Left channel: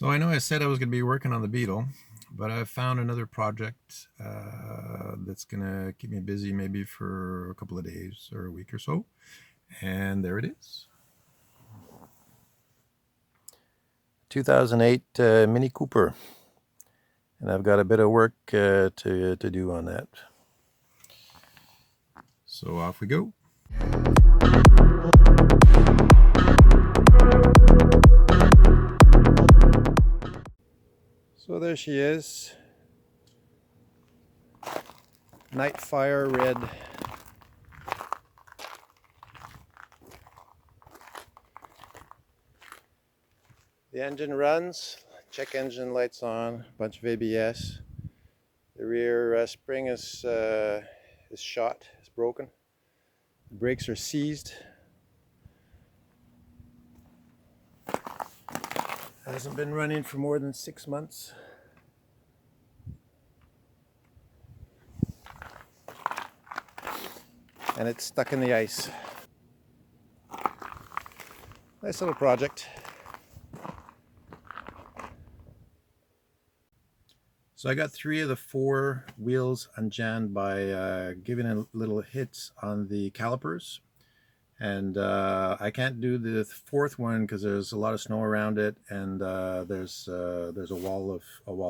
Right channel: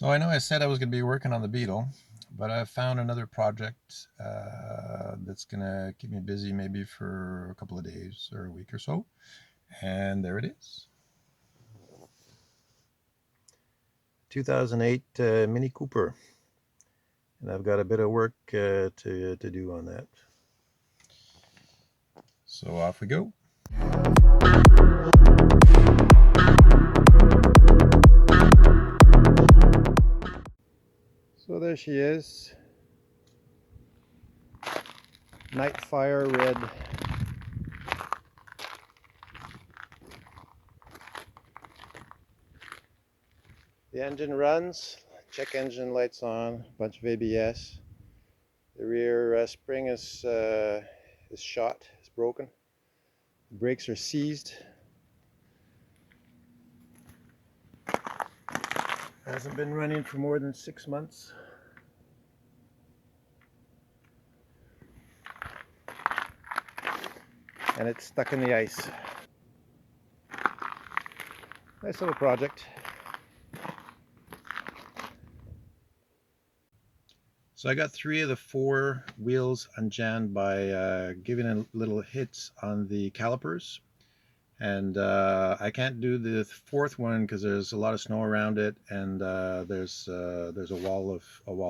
So I know I said I was going to be working on the Beetle, but I've found another project that's going to keep me busy maybe for a couple of days or a week or so. And there it is. 2008 Mini Cooper. And I've got a bit of work to do on that. So off we go. So there she is. Nightfire red. The engine runs, check engine lights on, bunch of ABS. The rear spring is shot, it's broken. The brakes are seized. Hasn't been running for more than 6 months. And it's stuck in the ice. Nice little project. So I got 3 of the 4 wheels unjammed by giving a little hits on the calipers. And I can't do the 4th one because there's a lot of snow around it, and there's a wall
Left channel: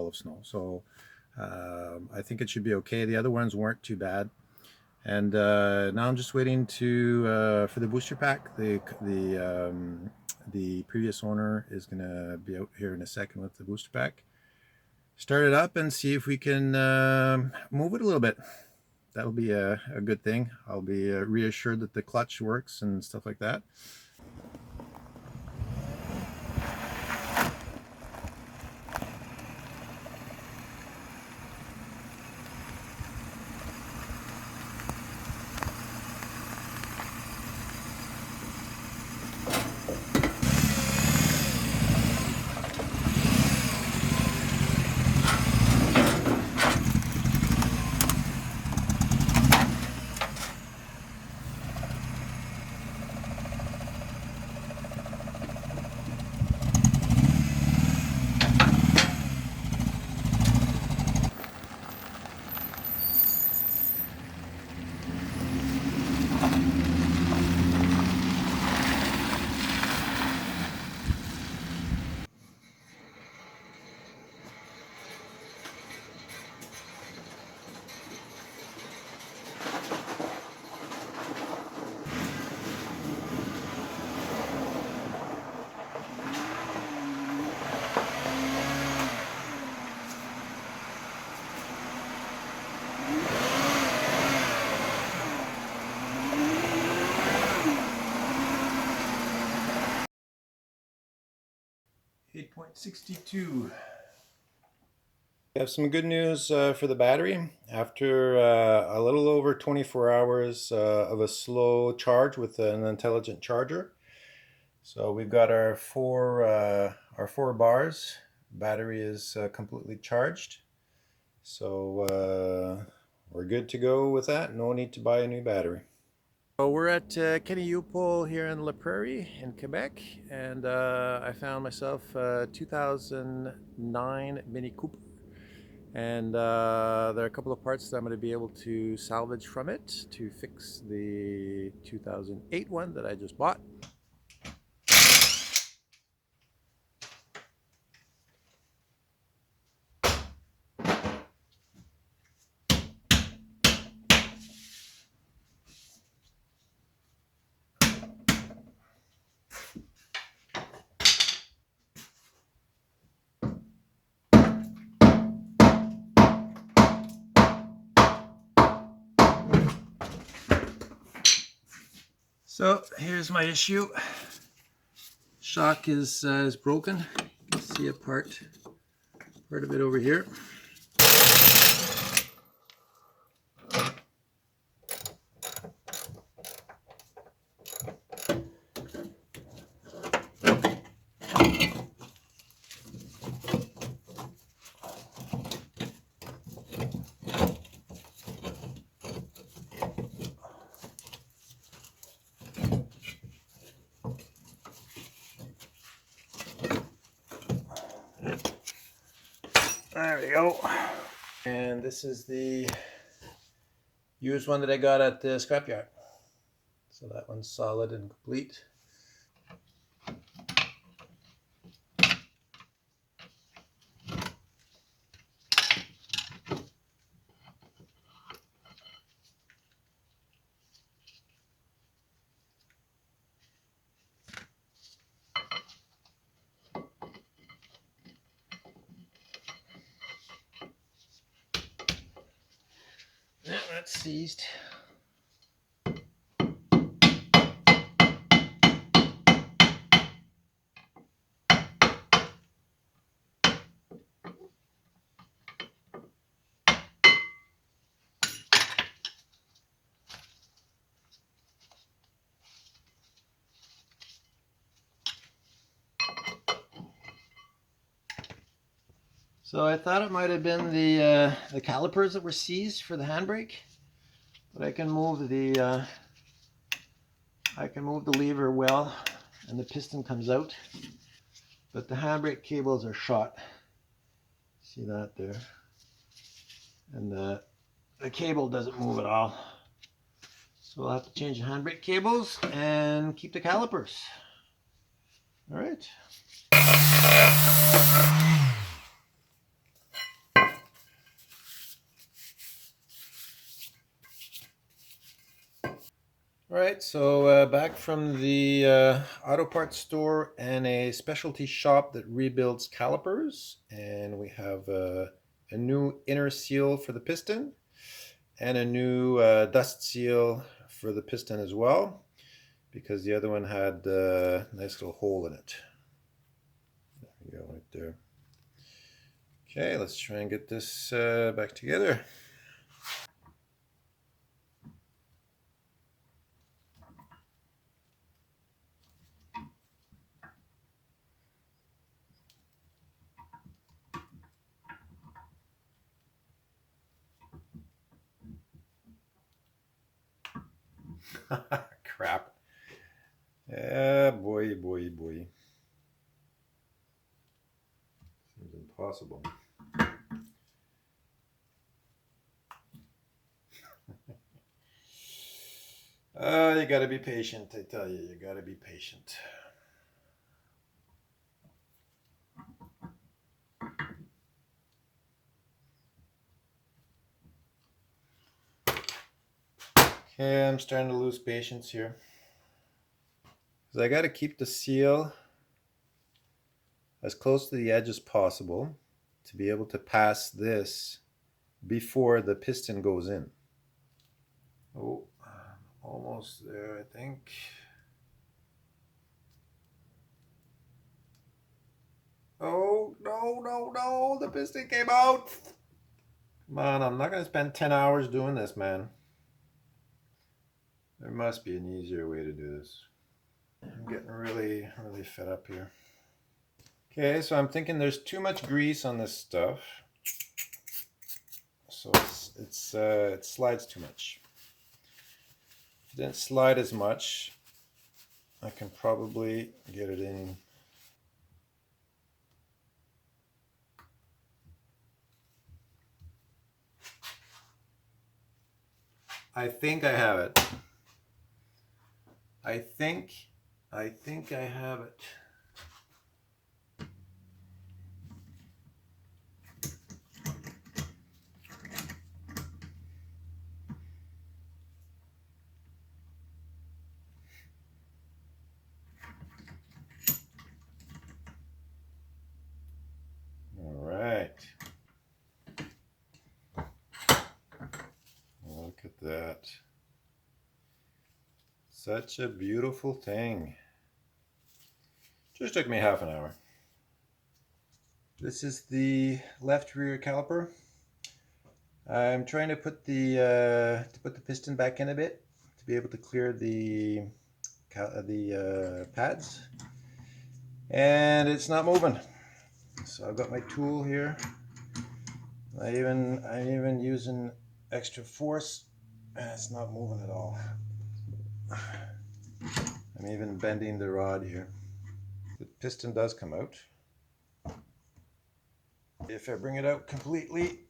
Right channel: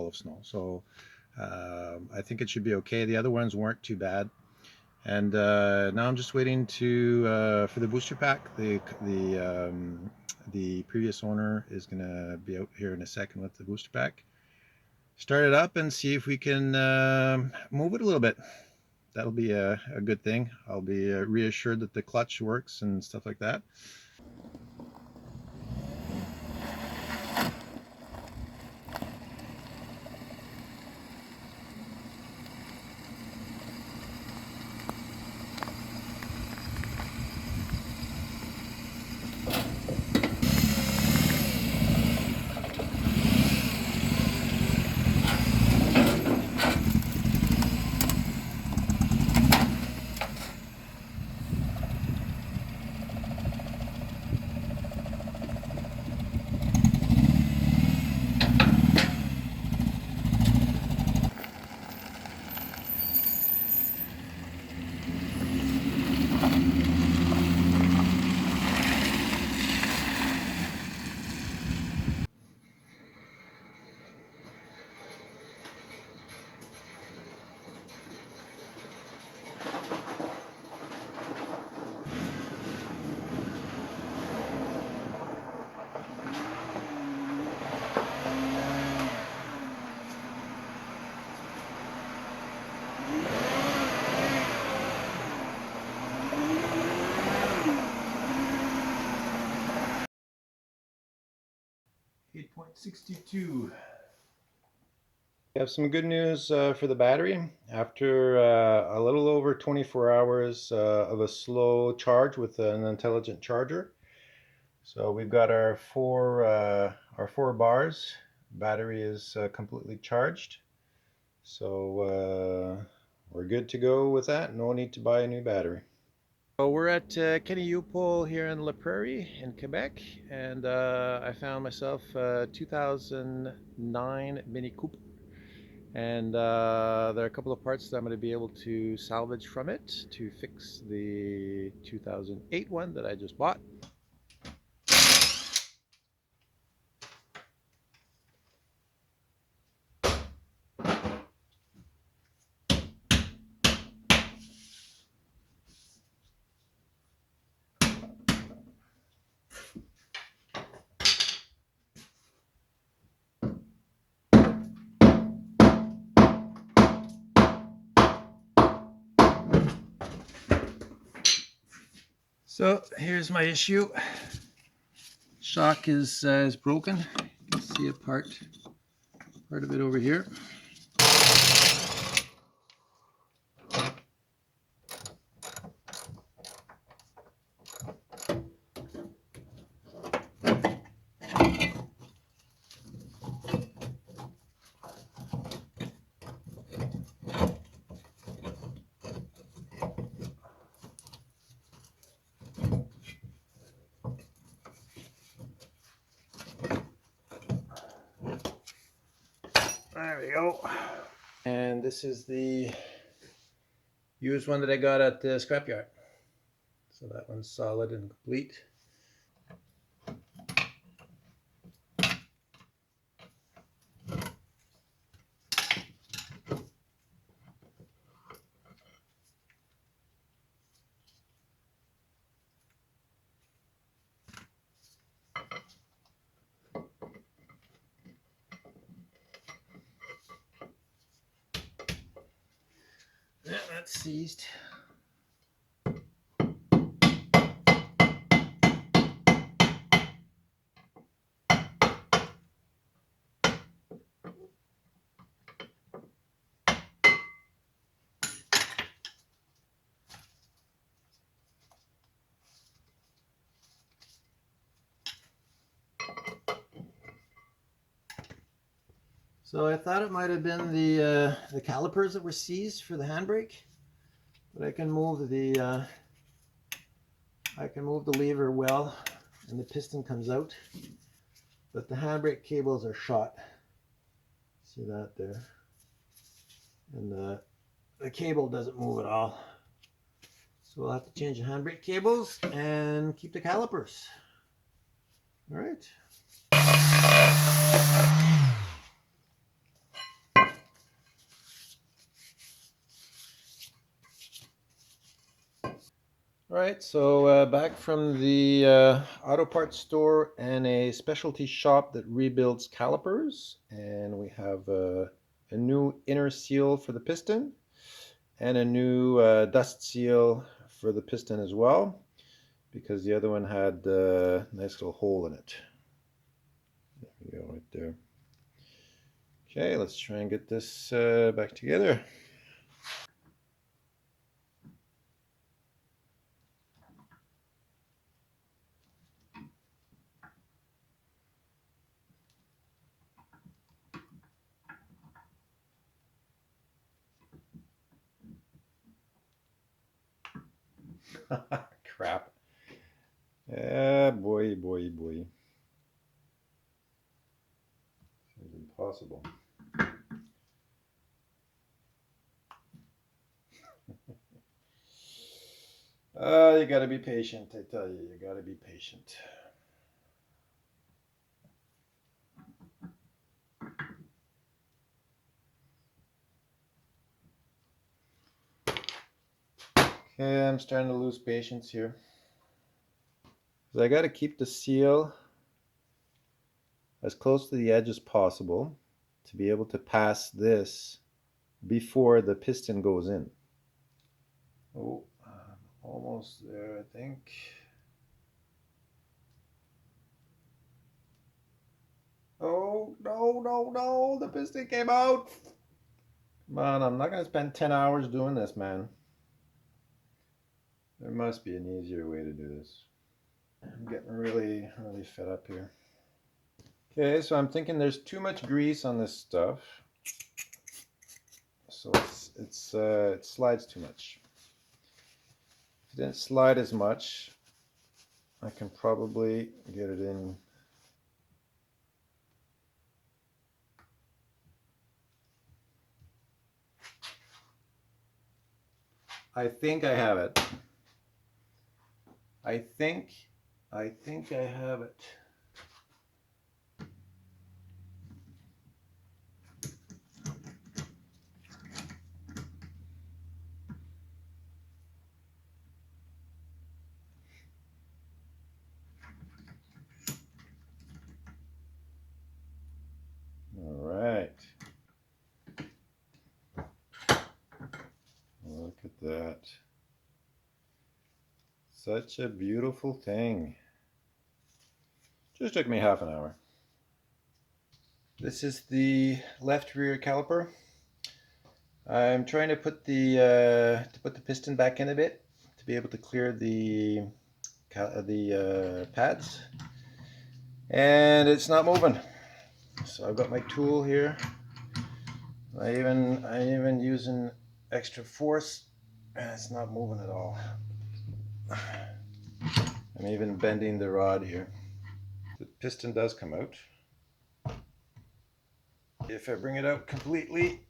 of snow. So I think it should be okay. The other ones weren't too bad. And now I'm just waiting to for the booster pack. The previous owner is gonna be out here in a second with the booster pack. Start it up and see if we can move it a little bit. That'll be a good thing. I'll be reassured that the clutch works and stuff like that. .62. We have some good news for the battery. After a little over 24 hours of a slow charge with an intelligent charger. So we've got our four bars. Battery is completely charged. So we're good to go with that. No need to buy a new battery. So we're at Kenny Upol here in La Prairie in Quebec, and I found myself a 2009 Mini Cooper. And there are a couple of parts that I'm going to be able to salvage from it to fix the 2008 one that I just bought. So here's my issue. Shock is broken. You can see a part of it over here. There we go. And this is the used one that I got at the scrapyard. So that one's solid and complete. Yeah, that's seized. So I thought it might have been the calipers that were seized for the handbrake, but I can move the lever well, and the piston comes out. But the handbrake cables are shot. See that there? And the cable doesn't move at all. So we'll have to change the handbrake cables and keep the calipers. All right. All right, so back from the auto parts store and a specialty shop that rebuilds calipers, and we have a new inner seal for the piston and a new dust seal for the piston as well, because the other one had a nice little hole in it. There we go, right there. Okay, let's try and get this back together. Crap. Yeah, boy. Seems impossible. You gotta be patient, I tell you. You gotta be patient. Okay, I'm starting to lose patience here. So I gotta keep the seal as close to the edge as possible to be able to pass this before the piston goes in. Oh, I'm almost there, I think. Oh, no, the piston came out. Come on, I'm not gonna spend 10 hours doing this, man. There must be an easier way to do this. I'm getting really fed up here. Okay, so I'm thinking there's too much grease on this stuff. So it slides too much. If it didn't slide as much, I can probably get it in. I think I have it. I think I have it. All right. Look at that. Such a beautiful thing. Just took me half an hour. This is the left rear caliper. I'm trying to put the piston back in a bit to be able to clear the pads, and it's not moving. So I've got my tool here. I even using extra force, and it's not moving at all. I'm even bending the rod here. The piston does come out. If I bring it out completely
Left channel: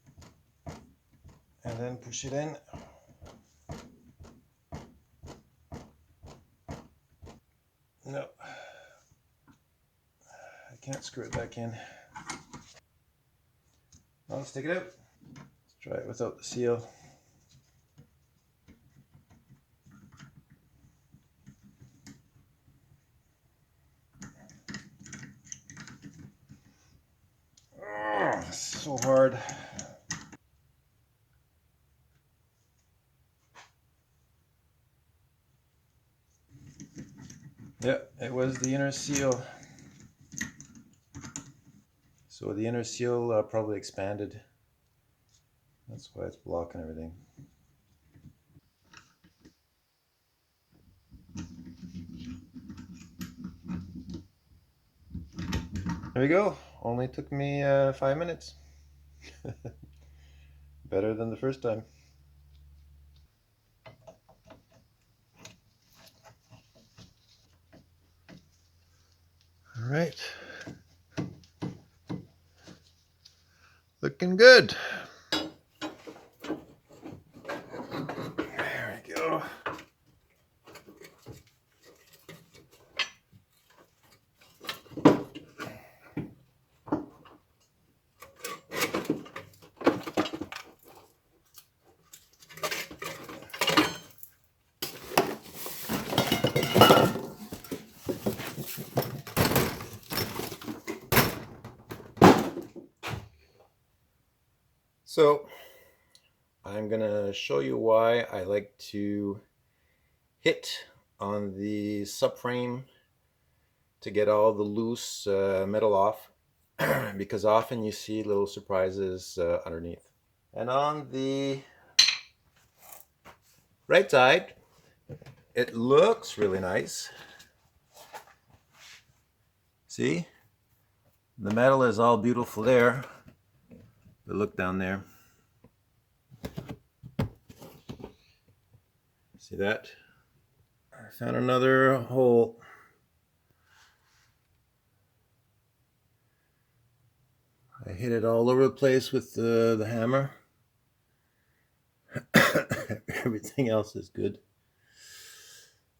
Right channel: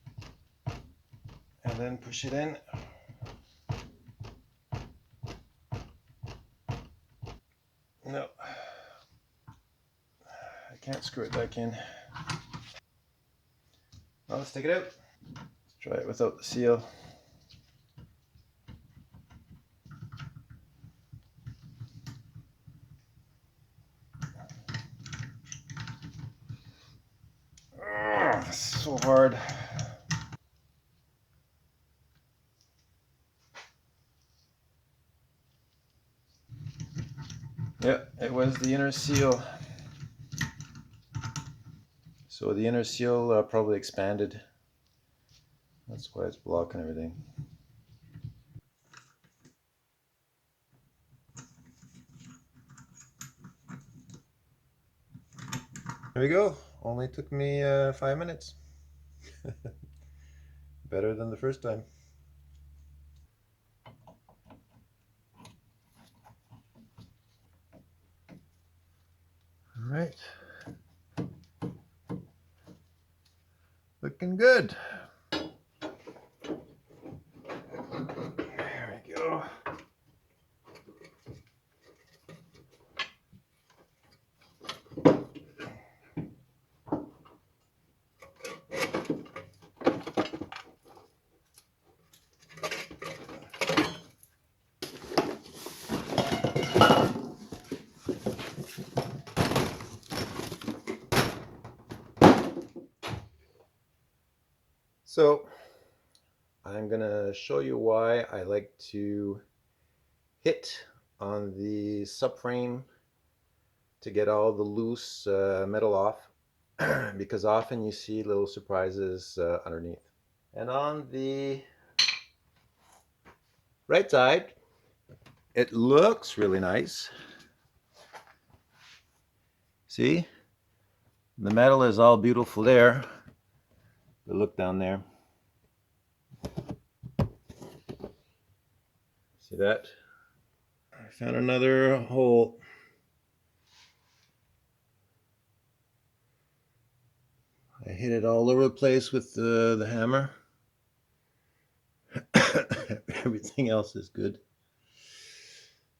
and then push it in, no, I can't screw it back in. Well, let's take it out. Let's try it without the seal. Oh, so hard. Yeah, it was the inner seal. So the inner seal probably expanded. That's why it's blocking everything. There we go. Only took me 5 minutes. Better than the first time. All right. Looking good. There we go. So I'm gonna show you why I like to hit on the subframe to get all the loose metal off because often you see little surprises underneath. And on the right side, it looks really nice. See? The metal is all beautiful there. But look down there. See that? I found another hole. I hit it all over the place with the hammer. Everything else is good.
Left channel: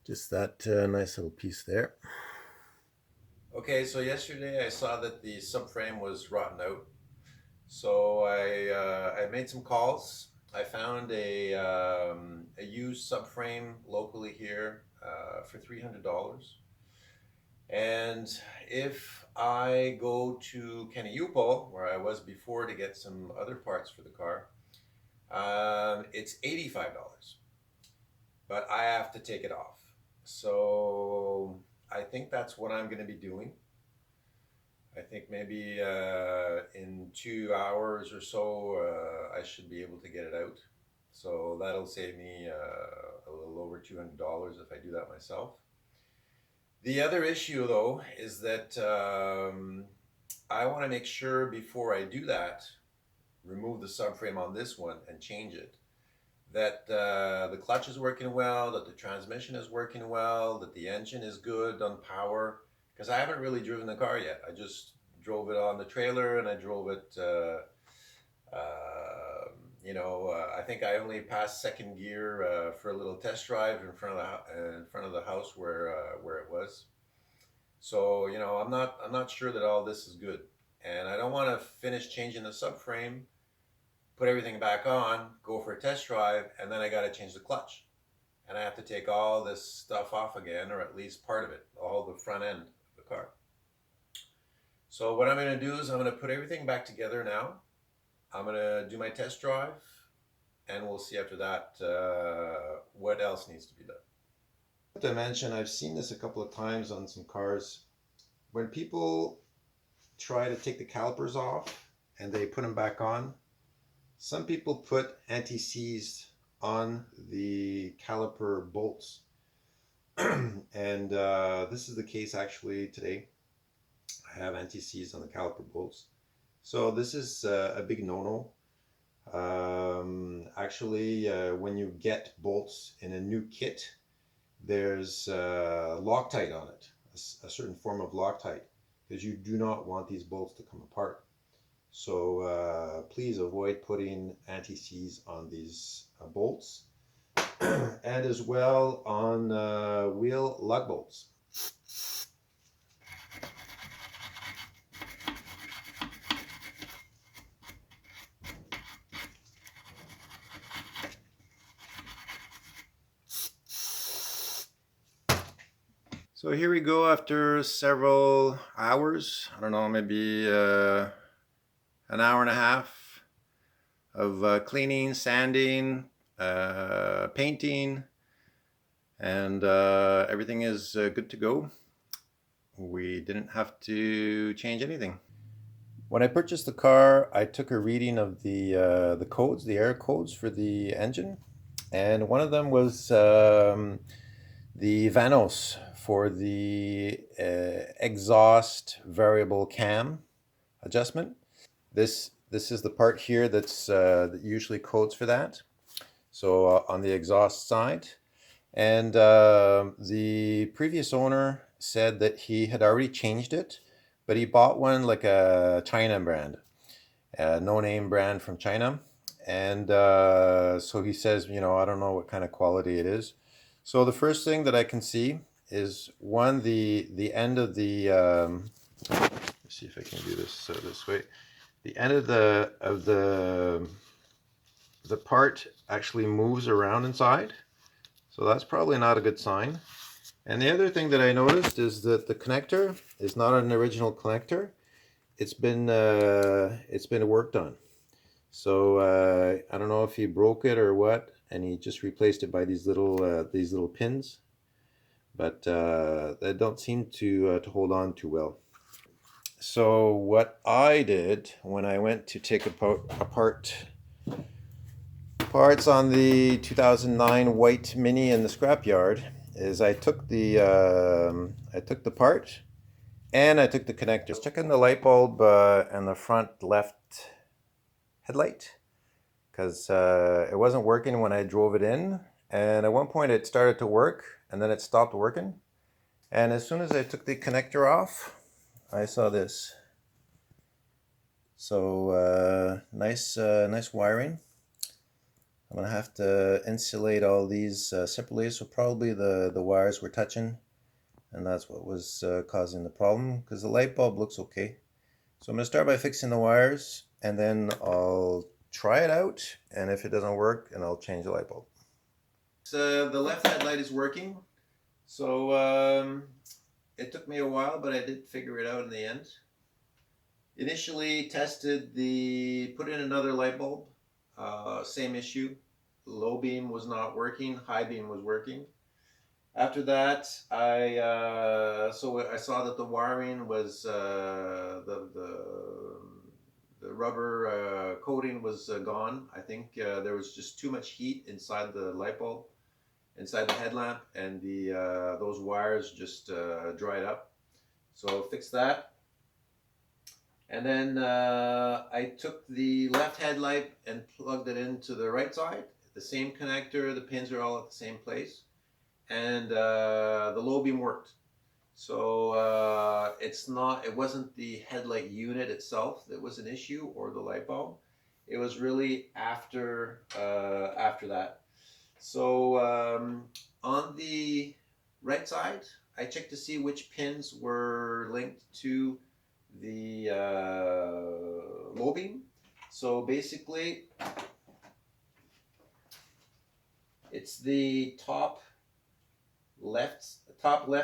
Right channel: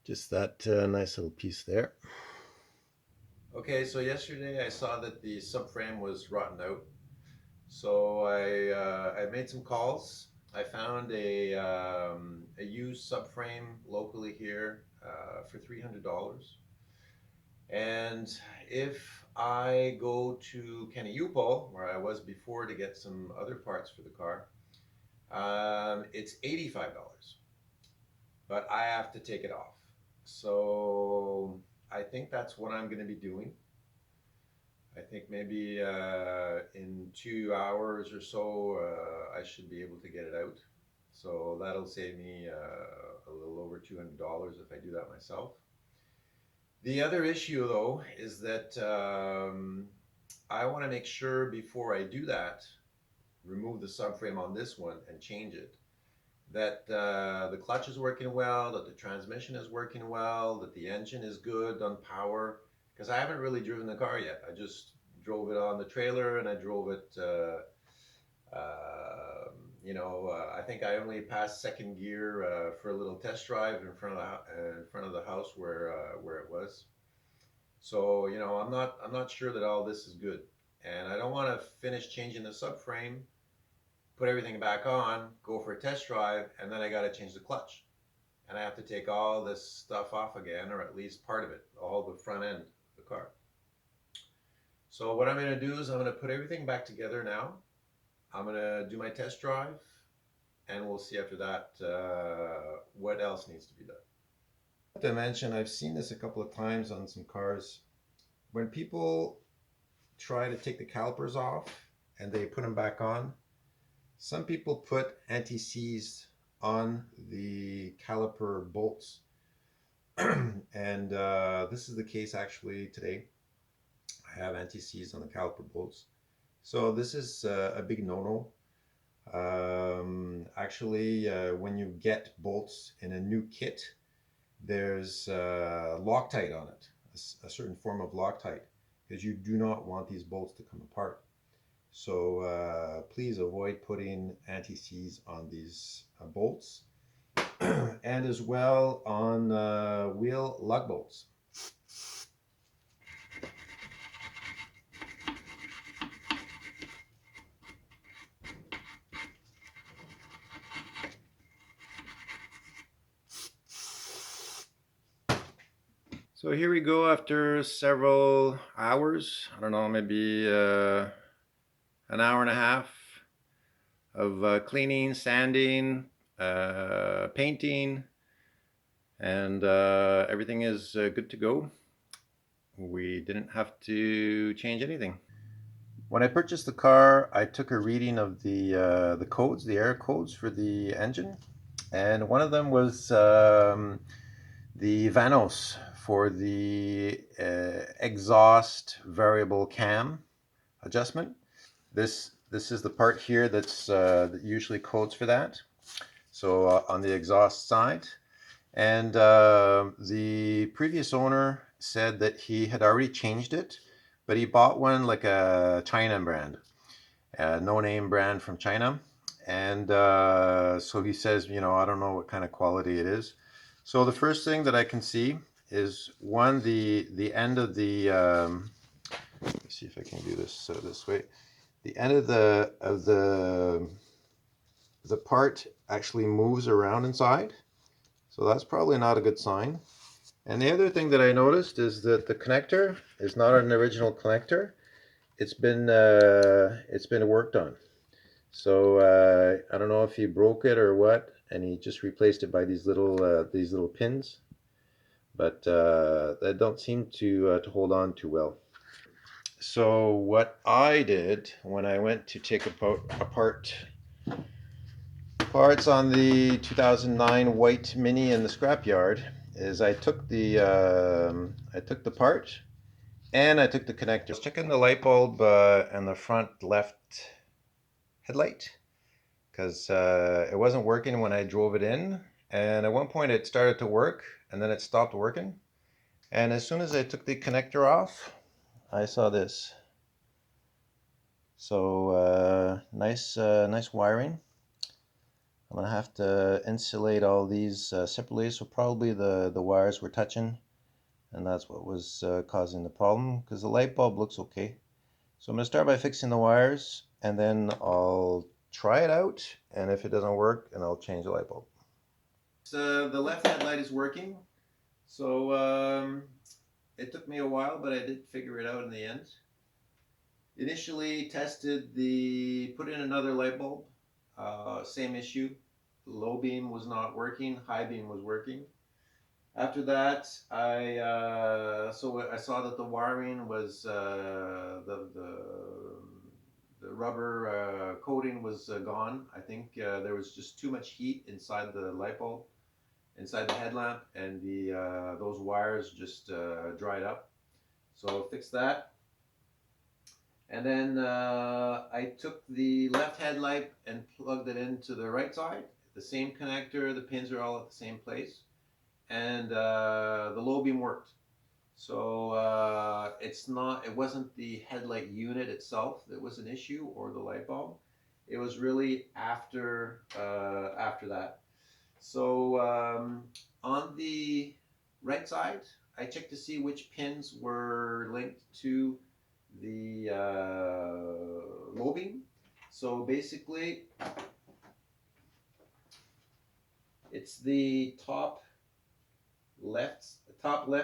Just that nice little piece there. Okay, so yesterday I saw that the subframe was rotten out. So I made some calls. I found a used subframe locally here for $300. And if I go to Kenayupo, where I was before to get some other parts for the car, it's $85, but I have to take it off. So I think that's what I'm going to be doing. I think maybe in 2 hours or so, I should be able to get it out. So that'll save me a little over $200 if I do that myself. The other issue, though, is that I want to make sure before I do that, remove the subframe on this one and change it, that the clutch is working well, that the transmission is working well, that the engine is good on power, because I haven't really driven the car yet. I just drove it on the trailer and I drove it, I think I only passed second gear for a little test drive in front of the house where it was. So I'm not sure that all this is good, and I don't want to finish changing the subframe, put everything back on, go for a test drive, and then I got to change the clutch, and I have to take all this stuff off again, or at least part of it, all the front end of the car. So what I'm going to do is I'm going to put everything back together now. I'm going to do my test drive, and we'll see after that what else needs to be done. To mention, I've seen this a couple of times on some cars. When people try to take the calipers off and they put them back on, some people put anti-seize on the caliper bolts. And this is the case actually today. I have anti-seize on the caliper bolts. So this is a big no-no. Actually, when you get bolts in a new kit, there's Loctite on it, a certain form of Loctite, because you do not want these bolts to come apart. So please avoid putting anti-seize on these bolts and as well on wheel lug bolts. So here we go after several hours. I don't know, maybe an hour and a half of cleaning, sanding, painting, and everything is good to go. We didn't have to change anything. When I purchased the car, I took a reading of the codes, the air codes for the engine, and one of them was the Vanos for the exhaust variable cam adjustment. This is the part here that usually codes for that. So on the exhaust side, and the previous owner said that he had already changed it, but he bought one like a China brand, a no-name brand from China. And so he says, you know, I don't know what kind of quality it is. So the first thing that I can see is one, the end of the, let's see if I can do this this way. The end of the part actually moves around inside. So that's probably not a good sign. And the other thing that I noticed is that the connector is not an original connector. It's been worked on. So I don't know if he broke it or what, and he just replaced it by these little pins. But they don't seem to hold on too well. So what I did when I went to take apart parts on the 2009 white Mini in the scrapyard is I took the part and I took the connector. I was checking the light bulb and the front left headlight because it wasn't working when I drove it in, and at one point it started to work and then it stopped working, and as soon as I took the connector off I saw this. So nice wiring. I'm gonna have to insulate all these separately, so probably the wires were touching, and that's what was causing the problem, because the light bulb looks okay. So I'm gonna start by fixing the wires, and then I'll try it out, and if it doesn't work, and I'll change the light bulb. So the left headlight is working, so it took me a while, but I did figure it out in the end. Initially tested put in another light bulb. Same issue. Low beam was not working. High beam was working. After that, I saw that the wiring was the rubber coating was gone. I think there was just too much heat inside the light bulb, inside the headlamp, and those wires just dried up. So fixed that. And then I took the left headlight and plugged it into the right side. The same connector, the pins are all at the same place. And the low beam worked. So it wasn't the headlight unit itself that was an issue or the light bulb. It was really after that. So on the right side, I checked to see which pins were linked to the low beam. So basically, it's the top left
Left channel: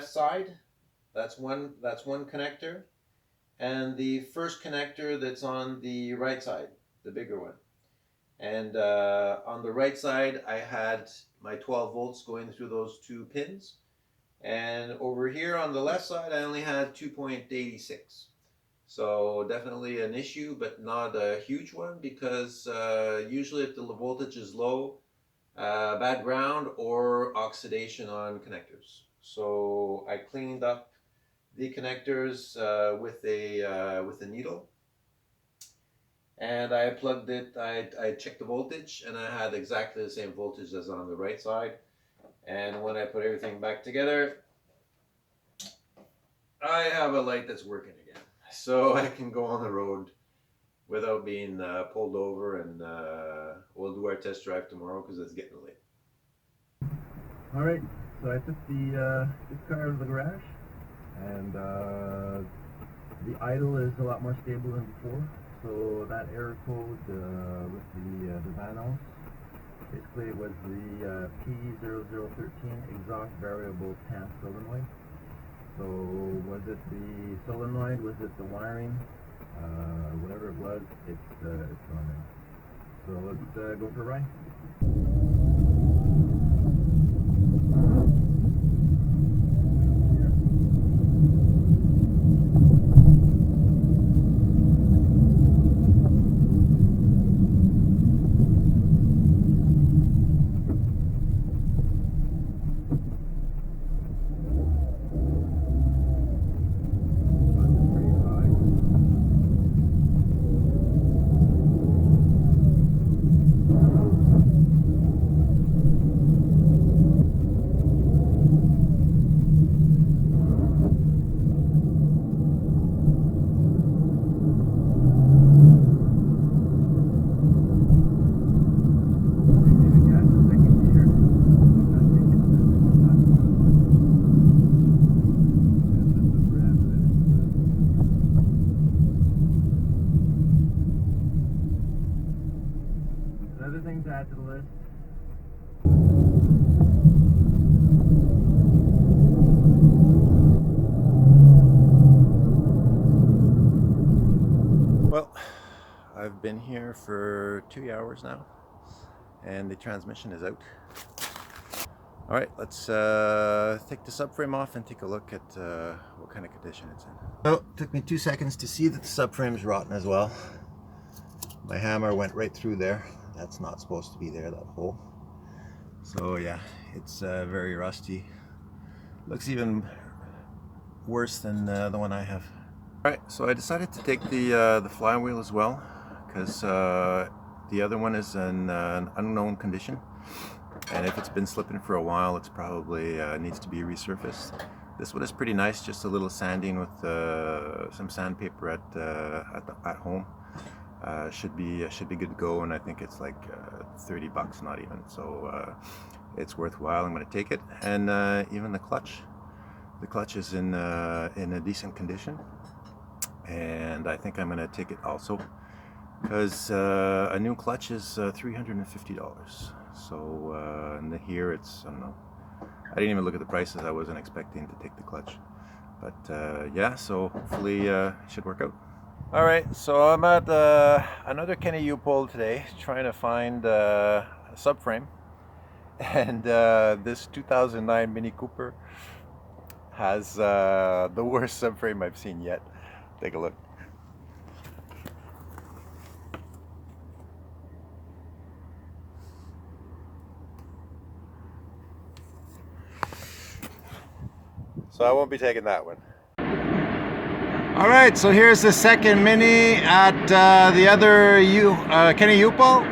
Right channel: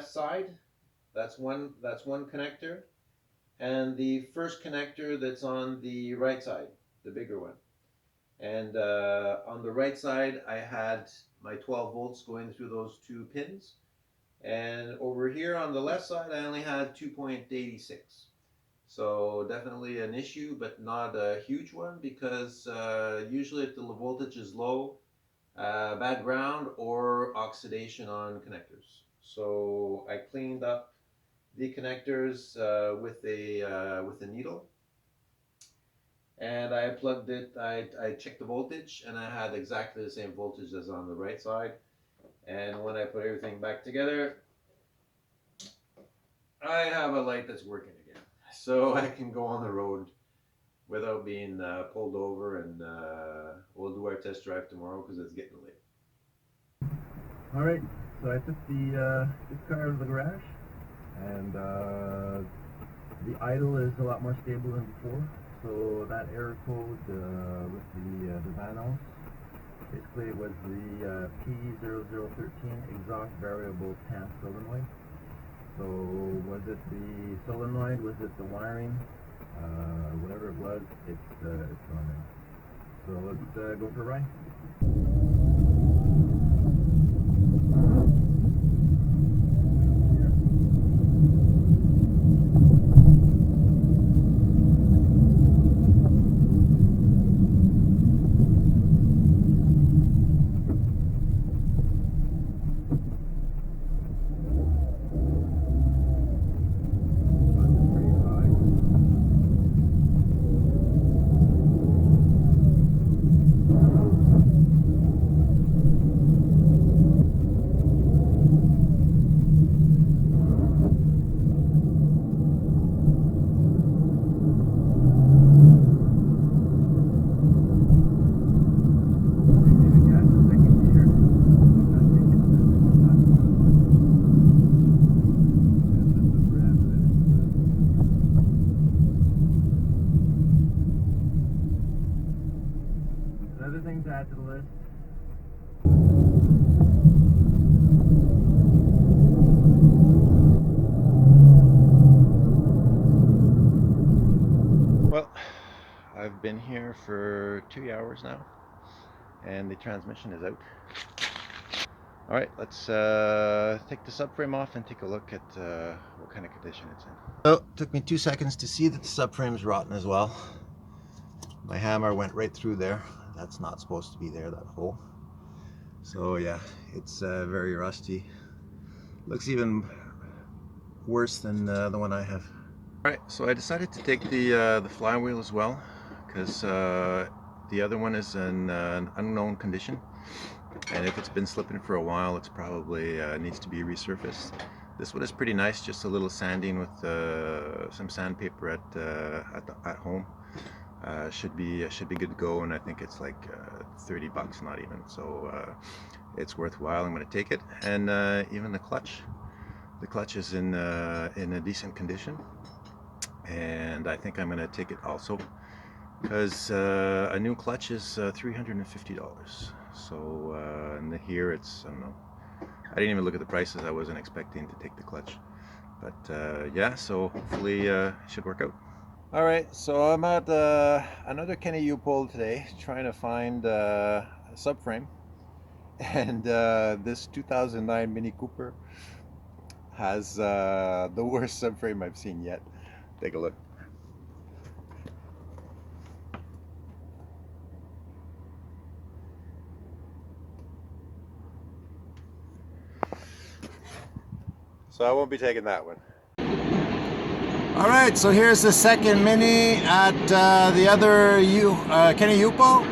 side. That's one connector, and the first connector that's on the right side, the bigger one. And on the right side, I had my 12 volts going through those two pins. And over here on the left side, I only had 2.86. So definitely an issue, but not a huge one, because usually if the voltage is low, bad ground or oxidation on connectors. So I cleaned up the connectors with a needle, and I plugged it. I checked the voltage, and I had exactly the same voltage as on the right side. And when I put everything back together, I have a light that's working again, so I can go on the road without being pulled over, and we'll do our test drive tomorrow because it's getting late. All right, so I took this car out of the garage, and the idle is a lot more stable than before. So that error code with the Vanos, basically it was the P0013 exhaust variable tank solenoid. So was it the solenoid? Was it the wiring? Whatever it was, it's gone now. So let's go for a ride. Other things to add to the list. Well, I've been here for 2 hours now, and the transmission is out. All right, let's take the subframe off and take a look at what kind of condition it's in. So it took me 2 seconds to see that the subframe is rotten as well. My hammer went right through there. That's not supposed to be there, that hole. So yeah, it's very rusty. Looks even worse than the one I have. All right, so I decided to take the flywheel as well, because the other one is in an unknown condition, and if it's been slipping for a while, it's probably needs to be resurfaced. This one is pretty nice, just a little sanding with some sandpaper at home. Should be good to go, and I think it's like 30 bucks, not even, so it's worthwhile. I'm going to take it. And even the clutch is in a decent condition, and I think I'm going to take it also, because a new clutch is $350. So and here it's, I don't know, I didn't even look at the prices. I wasn't expecting to take the clutch, but yeah, so hopefully it should work out. All right, so I'm at another Kenny U-Pole today, trying to find a subframe, and this 2009 Mini Cooper has the worst subframe I've seen yet. Take a look. So I won't be taking that one. All right, so here's the second Mini at the other Kenny U-Pole,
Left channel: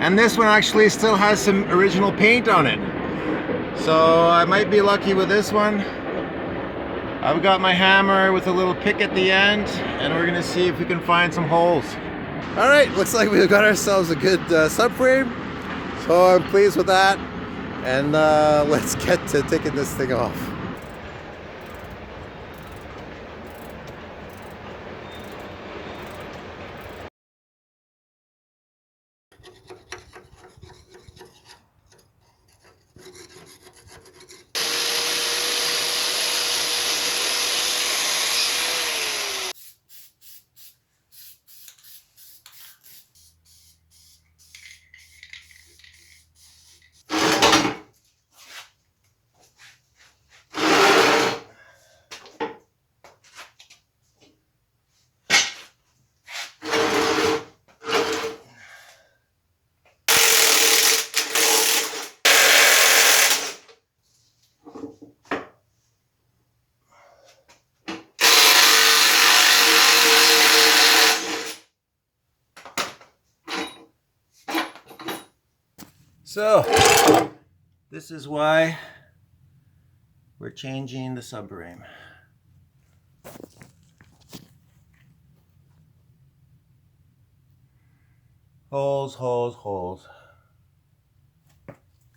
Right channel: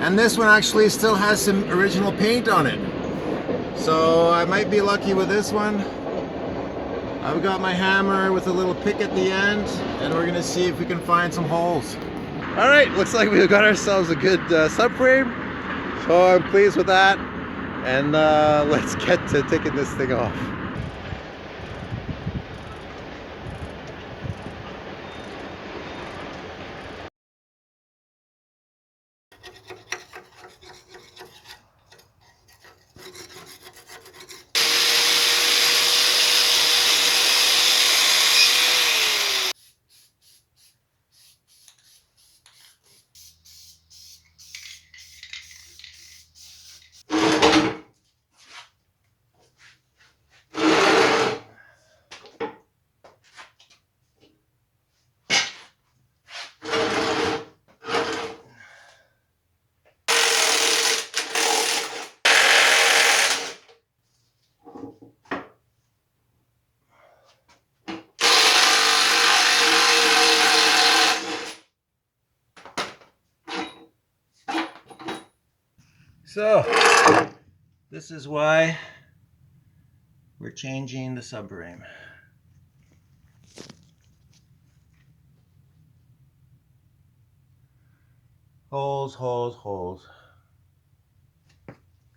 and this one actually still has some original paint on it. So I might be lucky with this one. I've got my hammer with a little pick at the end, and we're gonna see if we can find some holes. All right, looks like we've got ourselves a good subframe, so I'm pleased with that. And let's get to taking this thing off. So, this is why we're changing the subframe. Holes, holes, holes.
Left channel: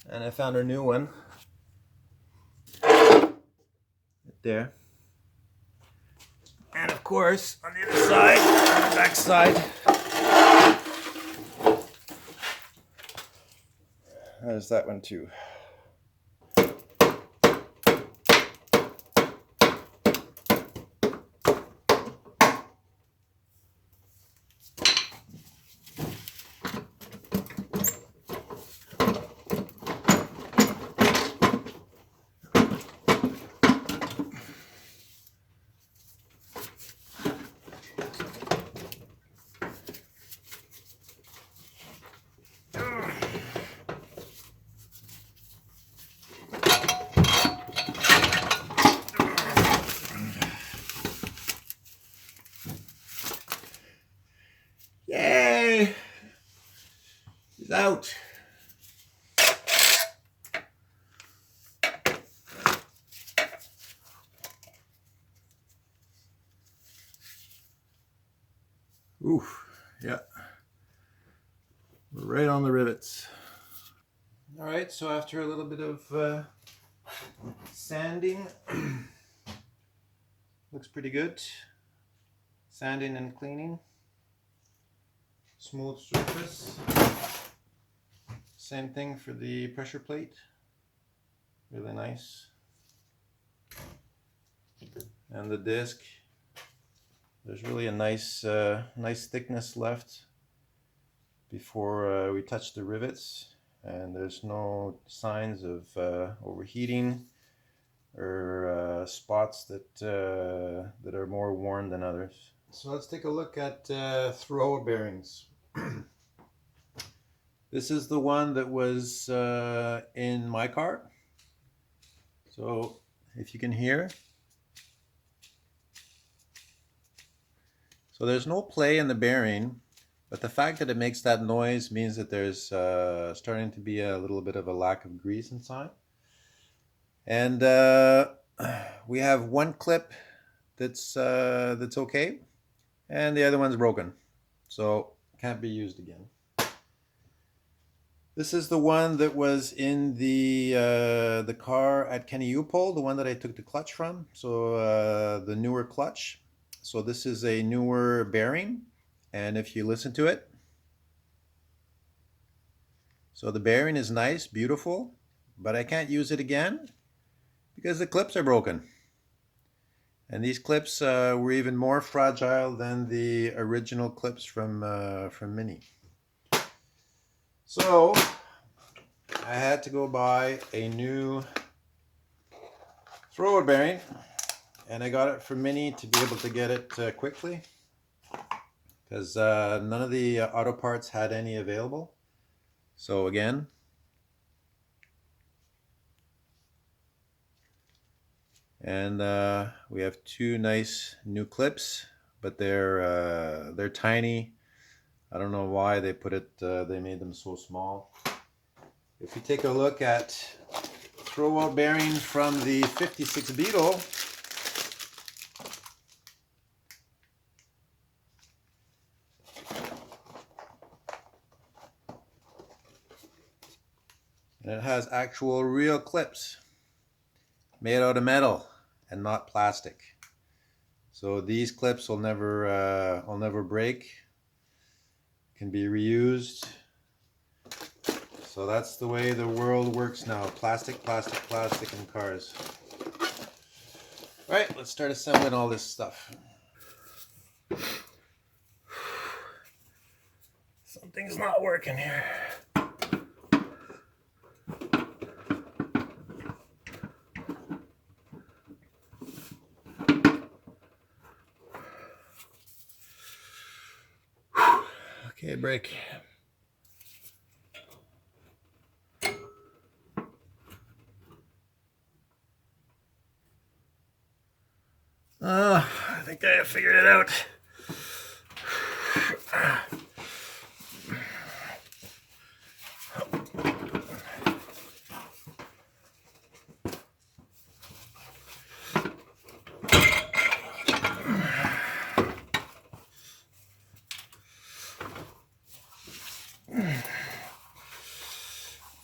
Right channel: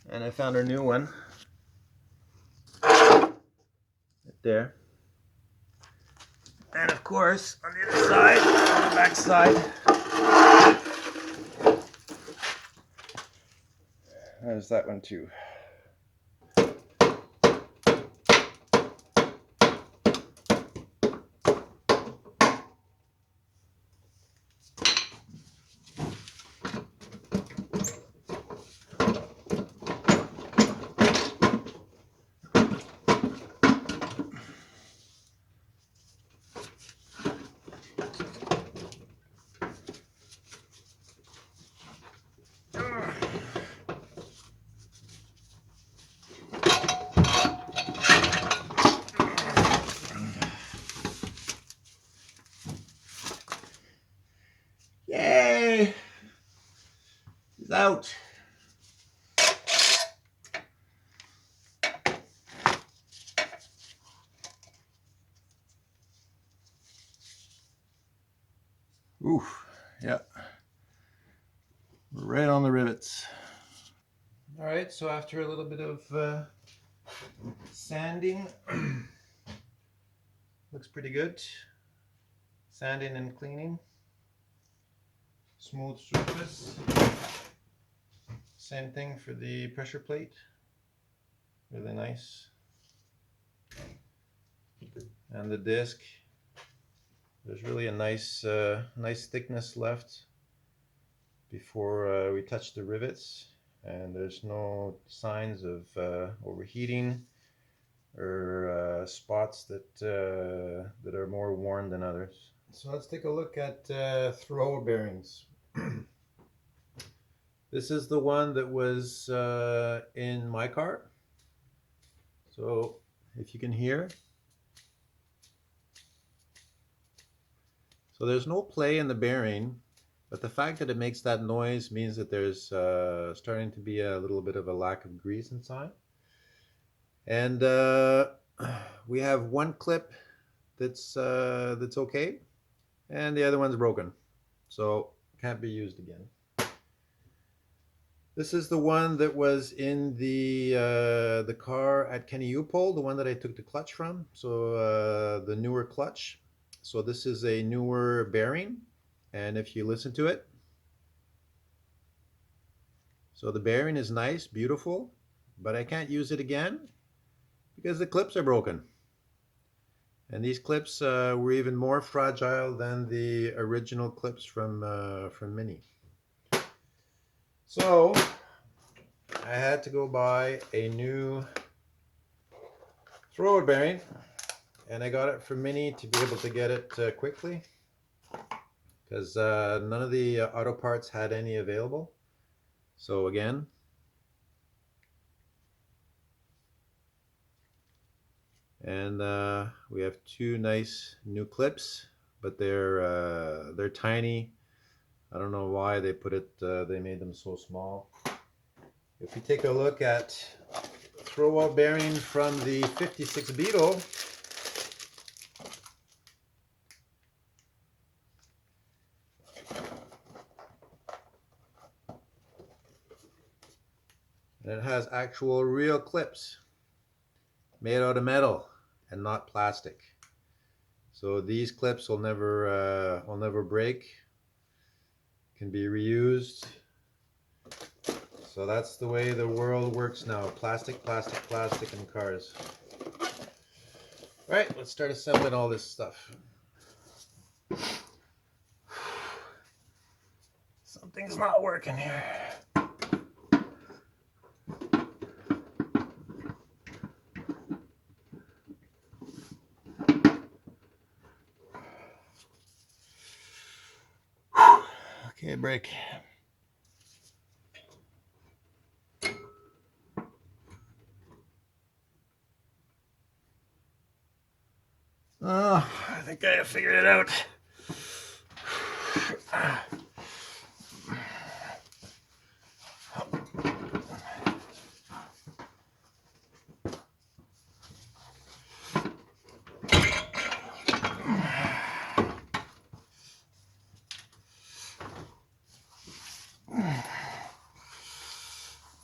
And I found a new one. Right there. And of course, on the other side, on the back side, there's that one too. Yay! He's out. Oof, yeah. Right on the rivets. All right, so after a little bit of sanding, looks pretty good. Sanding and cleaning. Smooth surface. Same thing for the pressure plate. Really nice. And the disc. There's really a nice thickness left before we touch the rivets, and there's no signs of overheating or spots that are more worn than others. So let's take a look at throw bearings. This is the one that was in my car. So if you can hear. So there's no play in the bearing, but the fact that it makes that noise means that there's starting to be a little bit of a lack of grease inside. And we have one clip that's okay, and the other one's broken, so can't be used again. This is the one that was in the car at Kenny Upol, the one that I took the clutch from. So the newer clutch. So this is a newer bearing, and if you listen to it, so the bearing is nice, beautiful, but I can't use it again because the clips are broken. And these clips were even more fragile than the original clips from Mini. So I had to go buy a new thrower bearing, and I got it from Mini to be able to get it quickly because none of the auto parts had any available. So again, and we have two nice new clips, but they're tiny. I don't know why they put it. They made them so small. If you take a look at throwout bearing from the 56 Beetle, it has actual real clips made out of metal and not plastic. So these clips will never break. Can be reused. So that's the way the world works now. Plastic, plastic, plastic in cars. All right, let's start assembling all this stuff. Something's not working here. Okay, break. Oh, I think I figured it out.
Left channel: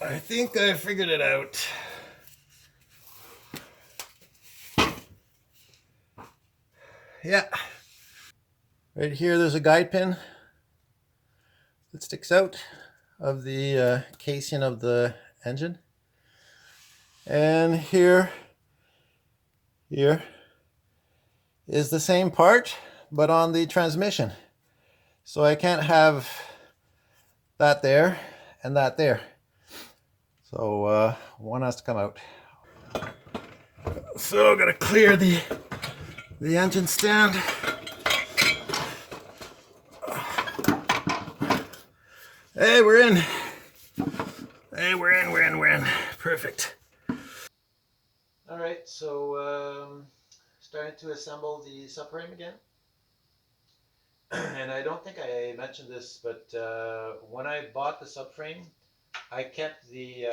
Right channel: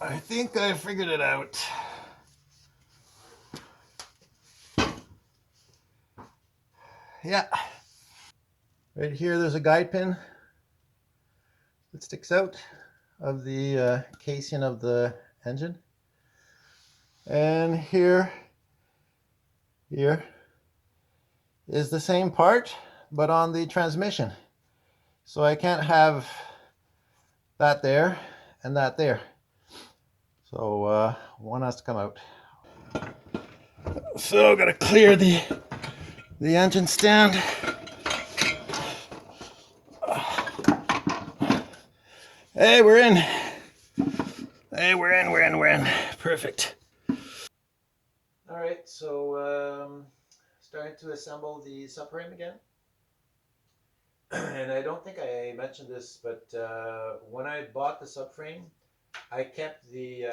I think I figured it out. Yeah. Right here, there's a guide pin that sticks out of the casing of the engine. And here is the same part, but on the transmission. So I can't have that there and that there. So one has to come out. So I gotta clear the engine stand. Hey, we're in. Hey, we're in. Perfect. All right, so starting to assemble the subframe again. And I don't think I mentioned this, but when I bought the subframe, I kept the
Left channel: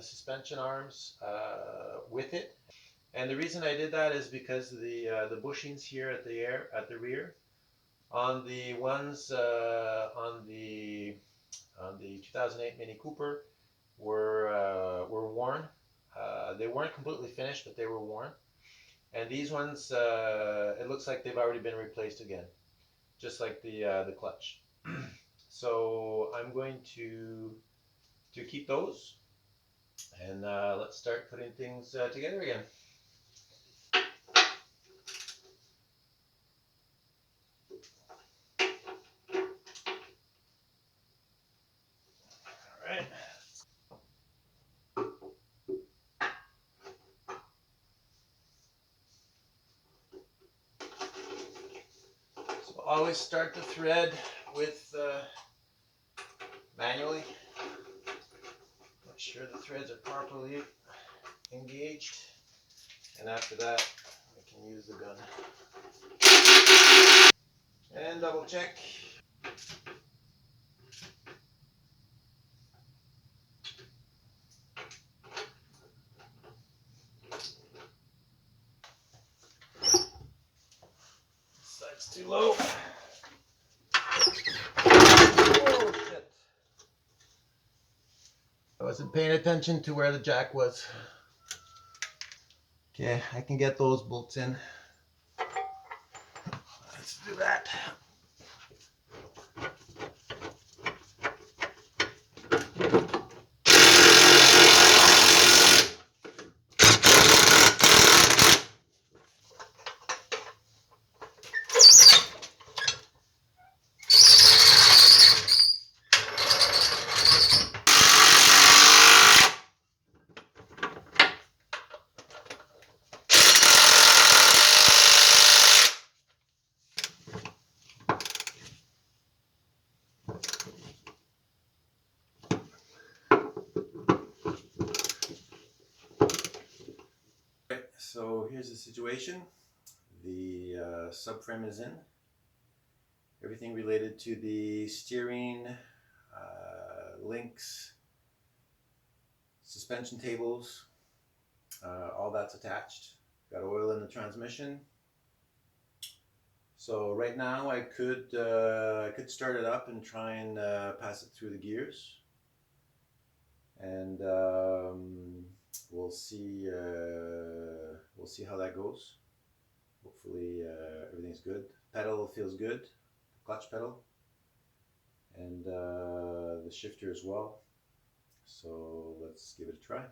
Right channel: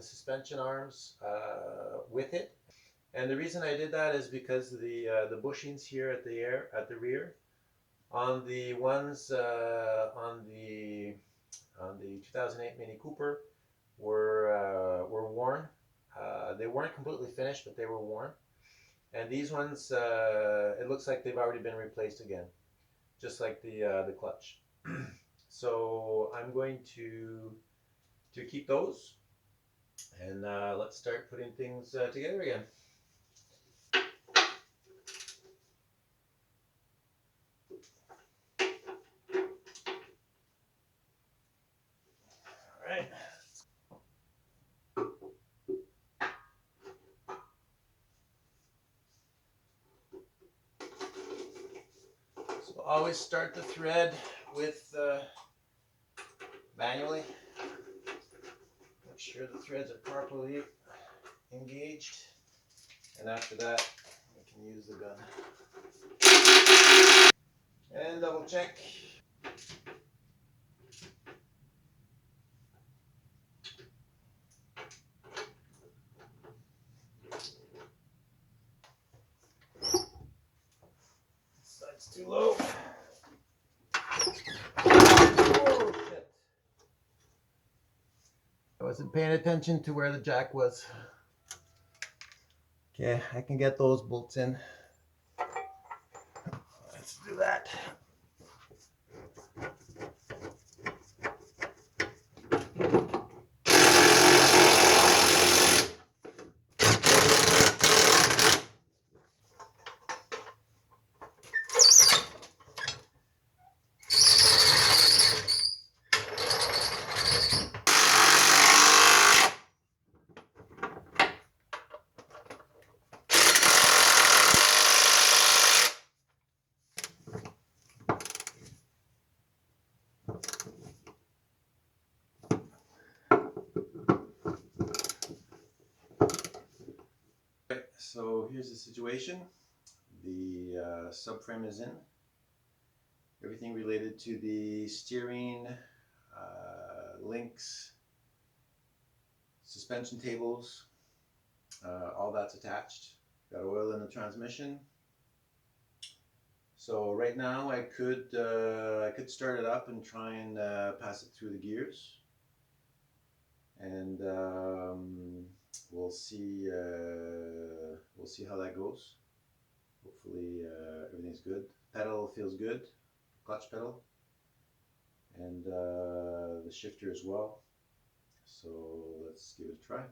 suspension arms with it. And the reason I did that is because the bushings here at the rear, on the ones on the 2008 Mini Cooper were worn. They weren't completely finished, but they were worn. And these ones, it looks like they've already been replaced again, just like the clutch. So I'm going to keep those, and let's start putting things together again. All right. So always start the thread with manually. Make sure the threads are properly engaged, and after that we can use the gun. And double check. This side's too low. Oh shit. I wasn't paying attention to where the jack was. Okay, I can get those bolts in. Let's do that. Right, so here's the situation. The subframe is in. Everything related to the steering, links, suspension tables, all that's attached. Got oil in the transmission. So right now I could start it up and try and pass it through the gears, and we'll see how that goes. Hopefully everything's good. Pedal feels good, the clutch pedal, and the shifter as well. So let's give it a try.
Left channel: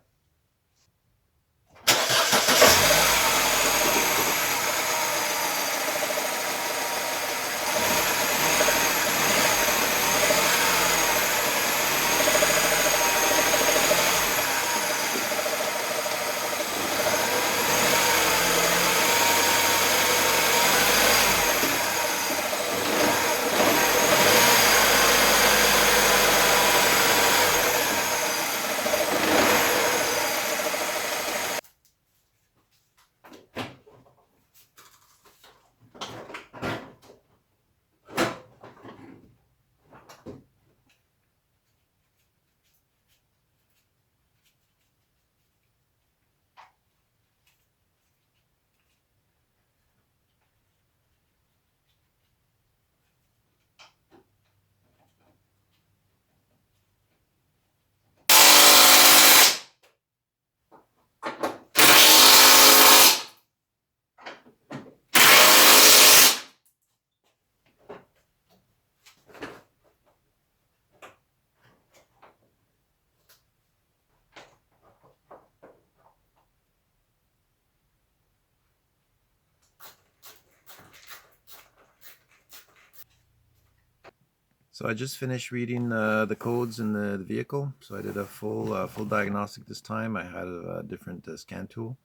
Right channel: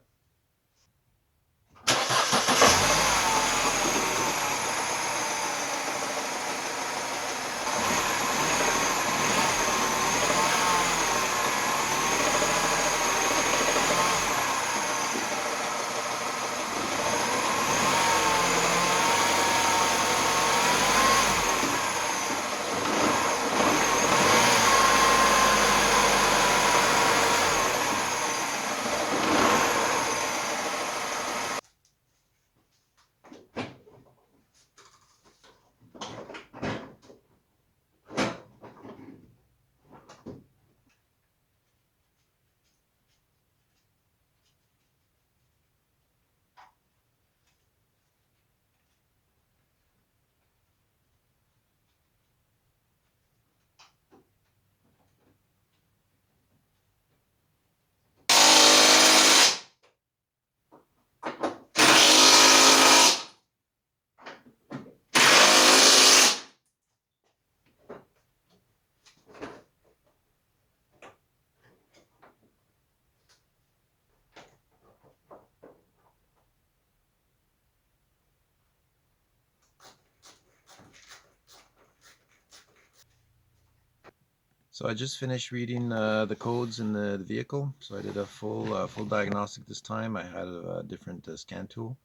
So I just finished reading the codes in the vehicle. So I did a full diagnostic this time. I had a different scan tool.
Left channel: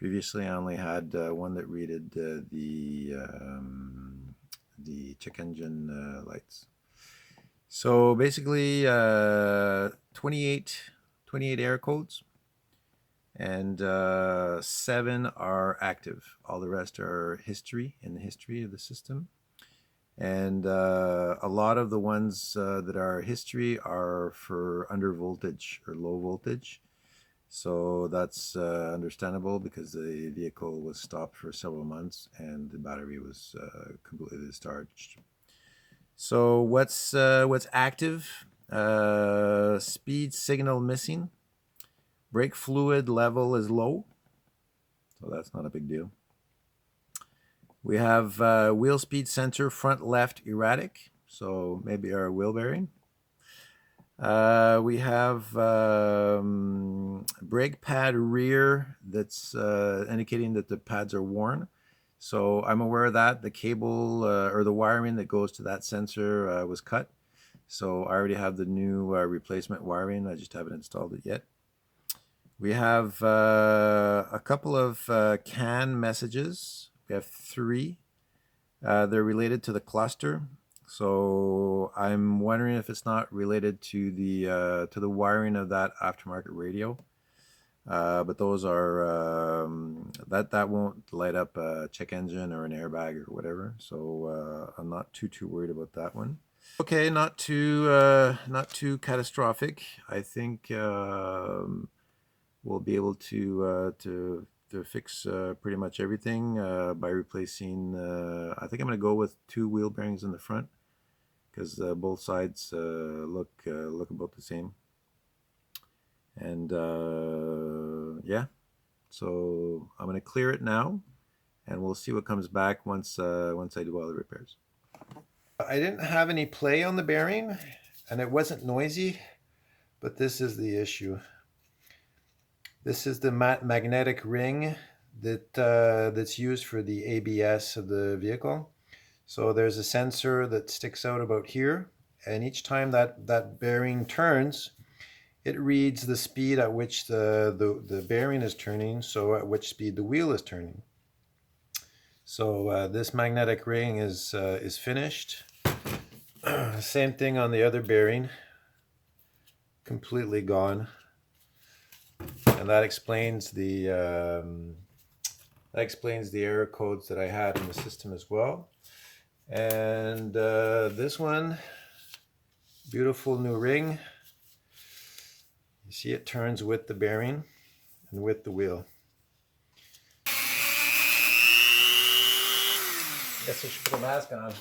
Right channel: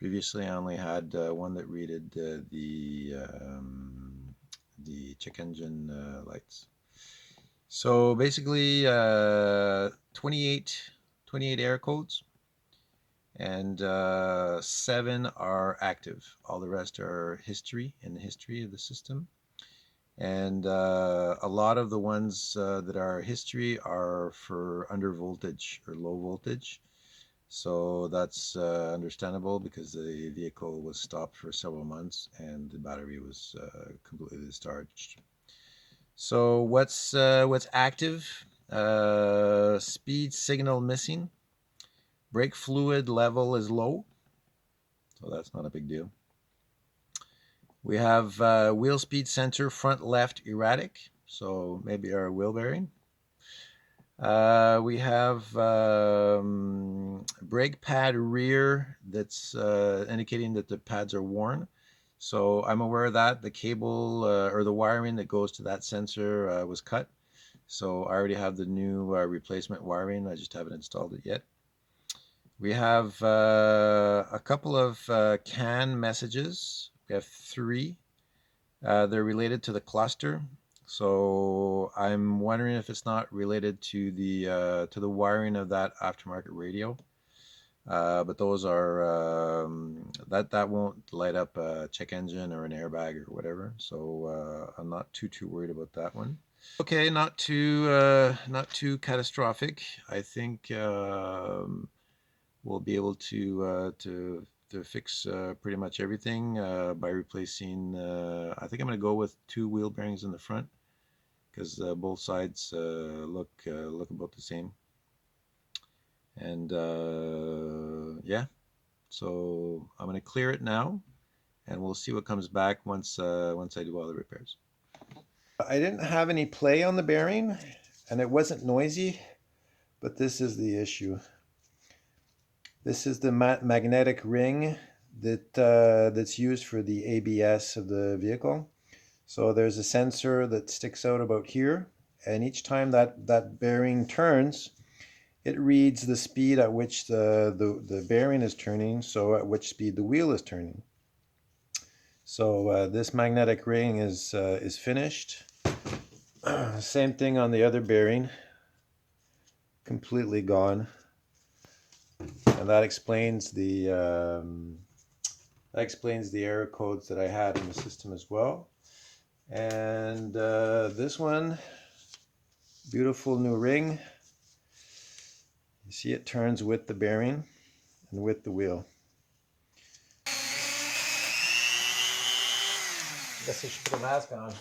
Previously, I only had one that readed the check engine lights. So basically, 28 error codes, and 7 are active. All the rest are history, in the history of the system. And a lot of the ones that are history are for under voltage or low voltage. So that's understandable because the vehicle was stopped for several months and the battery was completely discharged. So what's active? Speed signal missing. Brake fluid level is low, so that's not a big deal. We have wheel speed sensor front left erratic, so maybe our wheel bearing. We have brake pad rear that's indicating that the pads are worn. So I'm aware of that. The cable or the wiring that goes to that sensor was cut. So I already have the new replacement wiring. I just haven't installed it yet. We have a couple of CAN messages. We have 3. They're related to the cluster. So I'm wondering if it's not related to the wiring of that aftermarket radio. But those are that won't light up a check engine or an airbag or whatever. So I'm not too worried about that one. Okay, not too catastrophic. I think we'll be able to fix pretty much everything by replacing. I think I'm going to go with 2 wheel bearings in the front because both sides look about the same. And yeah, so I'm going to clear it now, and we'll see what comes back once I do all the repairs. I didn't have any play on the bearing, and it wasn't noisy, but this is the issue. This is the magnetic ring that's used for the ABS of the vehicle. So there's a sensor that sticks out about here, and each time that bearing turns, it reads the speed at which the bearing is turning, so at which speed the wheel is turning. So this magnetic ring is finished. Same thing on the other bearing, completely gone. And that explains the error codes that I had in the system as well. And this one, beautiful new ring. You see it turns with the bearing and with the wheel. Guess I should put a mask on.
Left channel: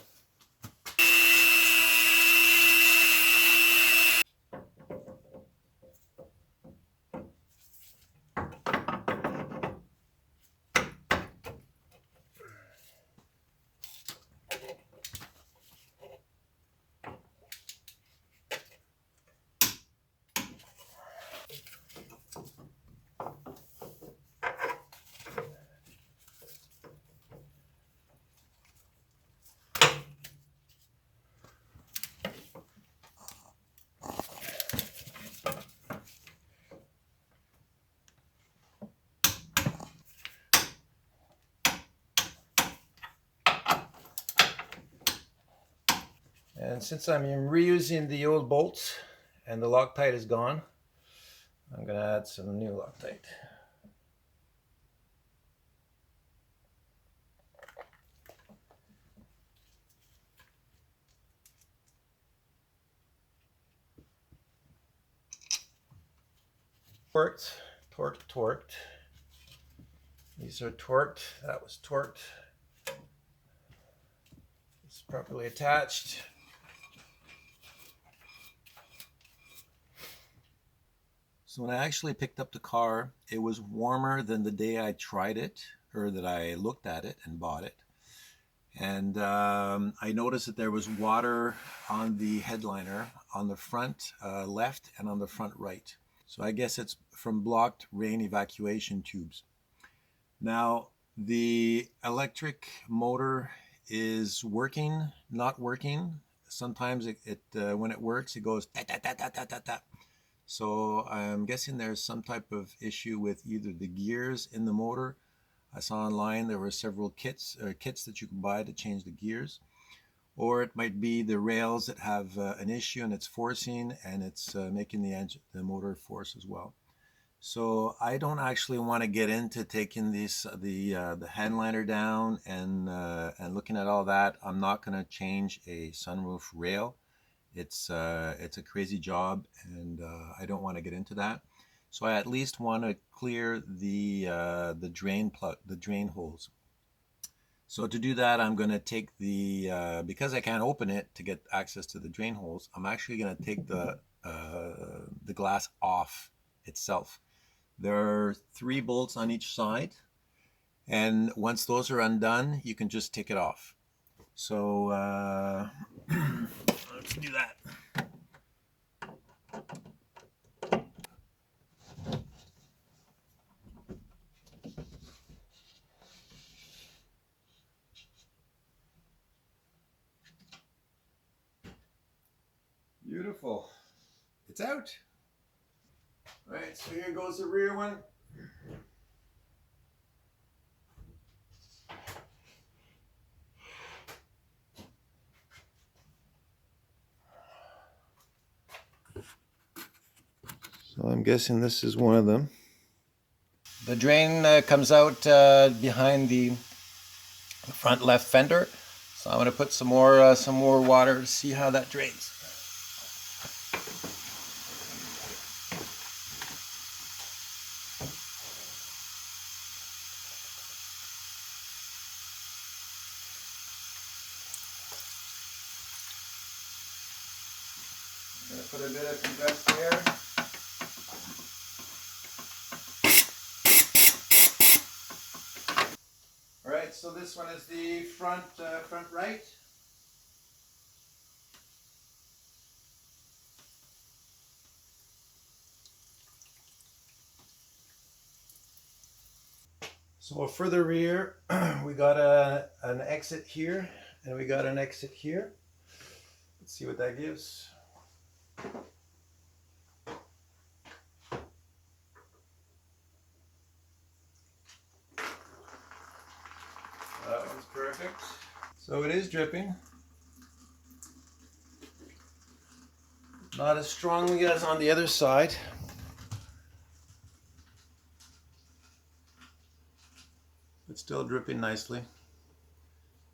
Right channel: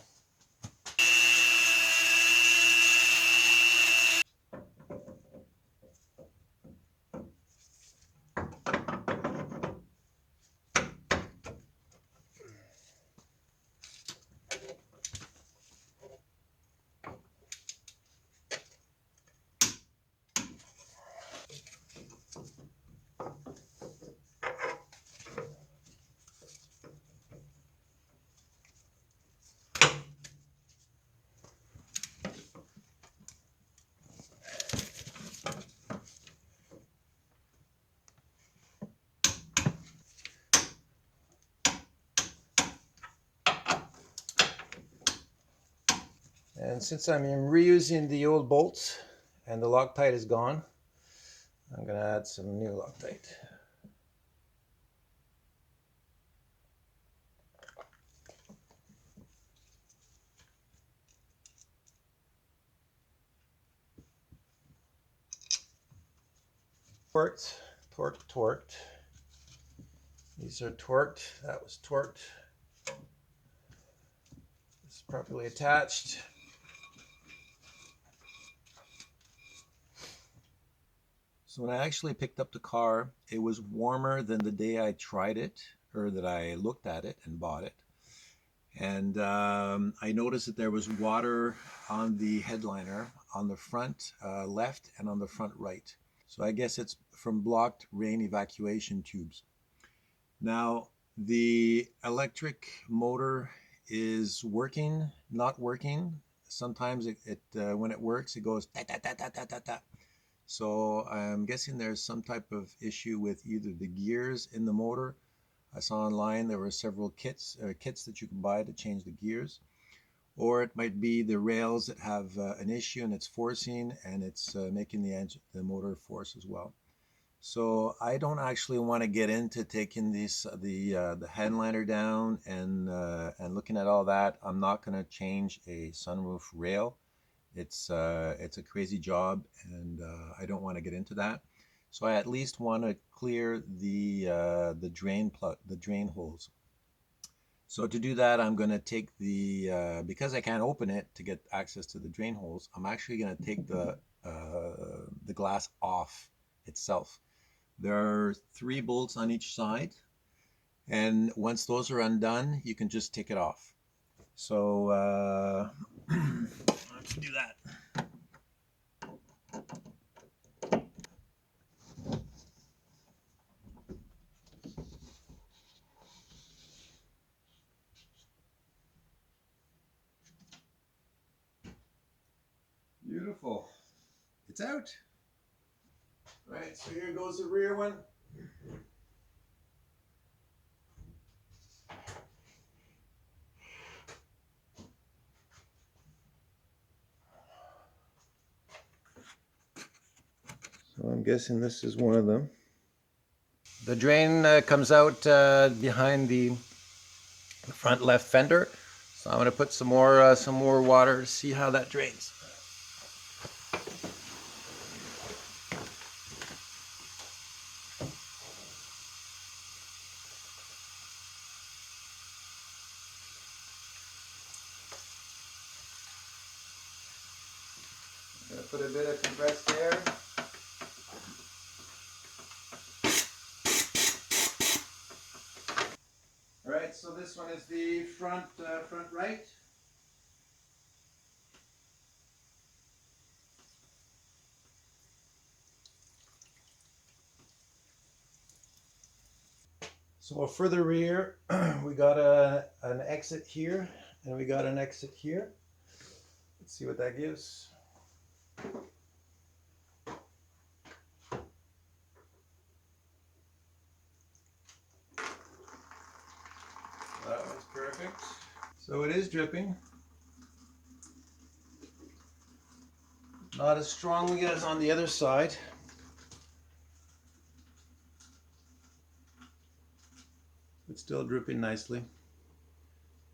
And since I'm reusing the old bolts and the Loctite is gone, I'm going to add some new Loctite. Torqued. These are torqued. That was torqued. It's properly attached. So when I actually picked up the car, it was warmer than the day I tried it, or that I looked at it and bought it. And I noticed that there was water on the headliner on the front left and on the front right. So I guess it's from blocked rain evacuation tubes. Now, the electric motor is working, not working. sometimes when it works, it goes ta ta ta ta ta ta ta. So I'm guessing there's some type of issue with either the gears in the motor. I saw online there were several kits that you can buy to change the gears, or it might be the rails that have an issue and it's forcing, and it's making the motor force as well. So I don't actually want to get into taking the headliner down and looking at all that. I'm not going to change a sunroof rail. It's a crazy job, and I don't want to get into that. So I at least want to clear the drain holes. So to do that, I'm going to take because I can't open it to get access to the drain holes, I'm actually going to take the glass off itself. There are 3 bolts on each side, and once those are undone, you can just take it off. So let's do that. Beautiful. It's out. All right, so here goes the rear one. So I'm guessing this is one of them. The drain comes out behind the front left fender. So I'm going to put some more water to see how that drains. I'm going to put a bit of compressed air. All right, so this one is the front right. So for the rear, we got an exit here, and we got an exit here. Let's see what that gives. That one's perfect. So it is dripping. Not as strongly as on the other side. But still dripping nicely.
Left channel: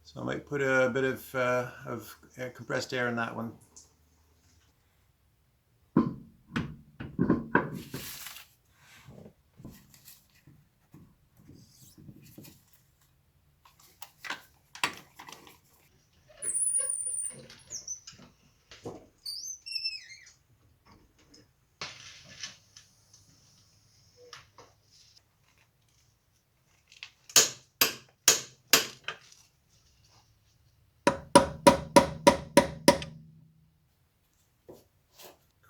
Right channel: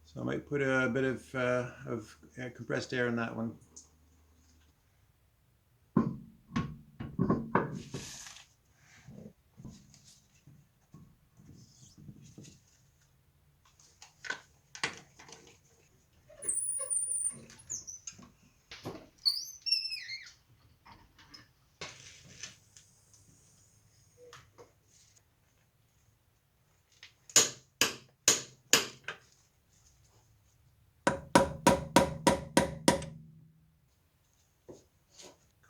So I might put a bit of compressed air in that one.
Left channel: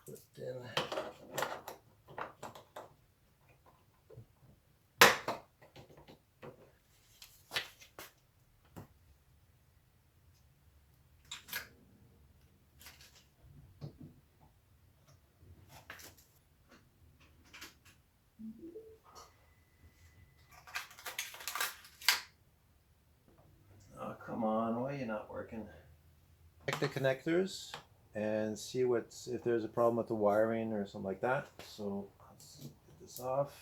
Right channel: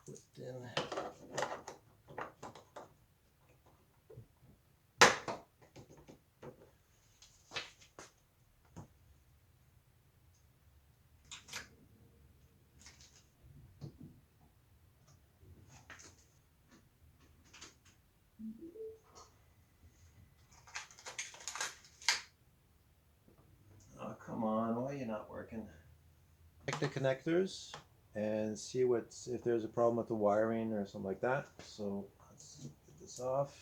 Clipped in. Oh, come on, why are you not working? Check the connectors and see if there's a problem with the wiring or something like that. So let's get this off.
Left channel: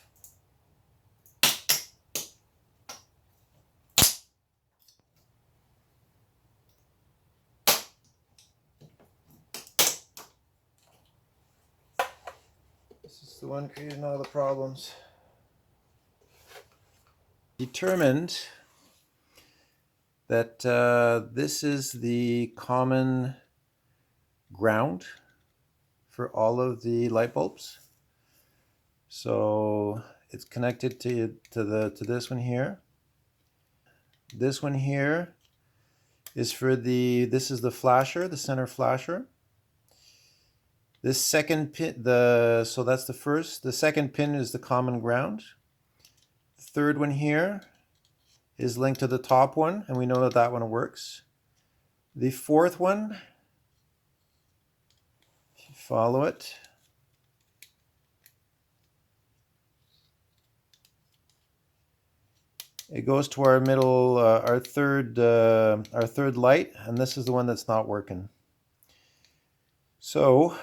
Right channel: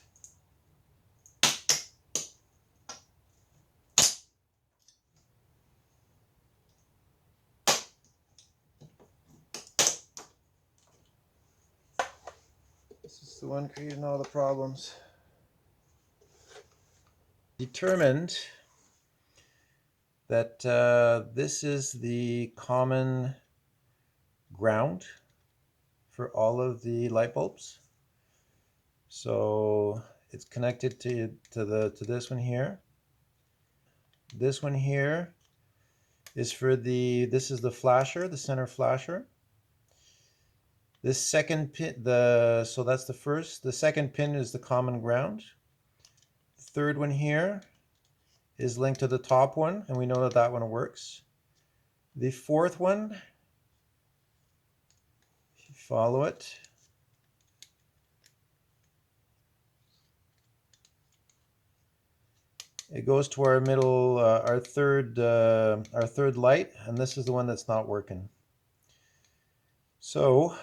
This is the one creating all the problems. Determined that this is the common ground for all of the light bulbs. So it's connected to this one here. This one here is for this is the flasher, the center flasher. This second pin, so that's the first. The second pin is the common ground. The third one here is linked to the top one, and we know that that one works. The fourth one If you follow it, it goes to our middle, our third light, and this is the one that's not working. So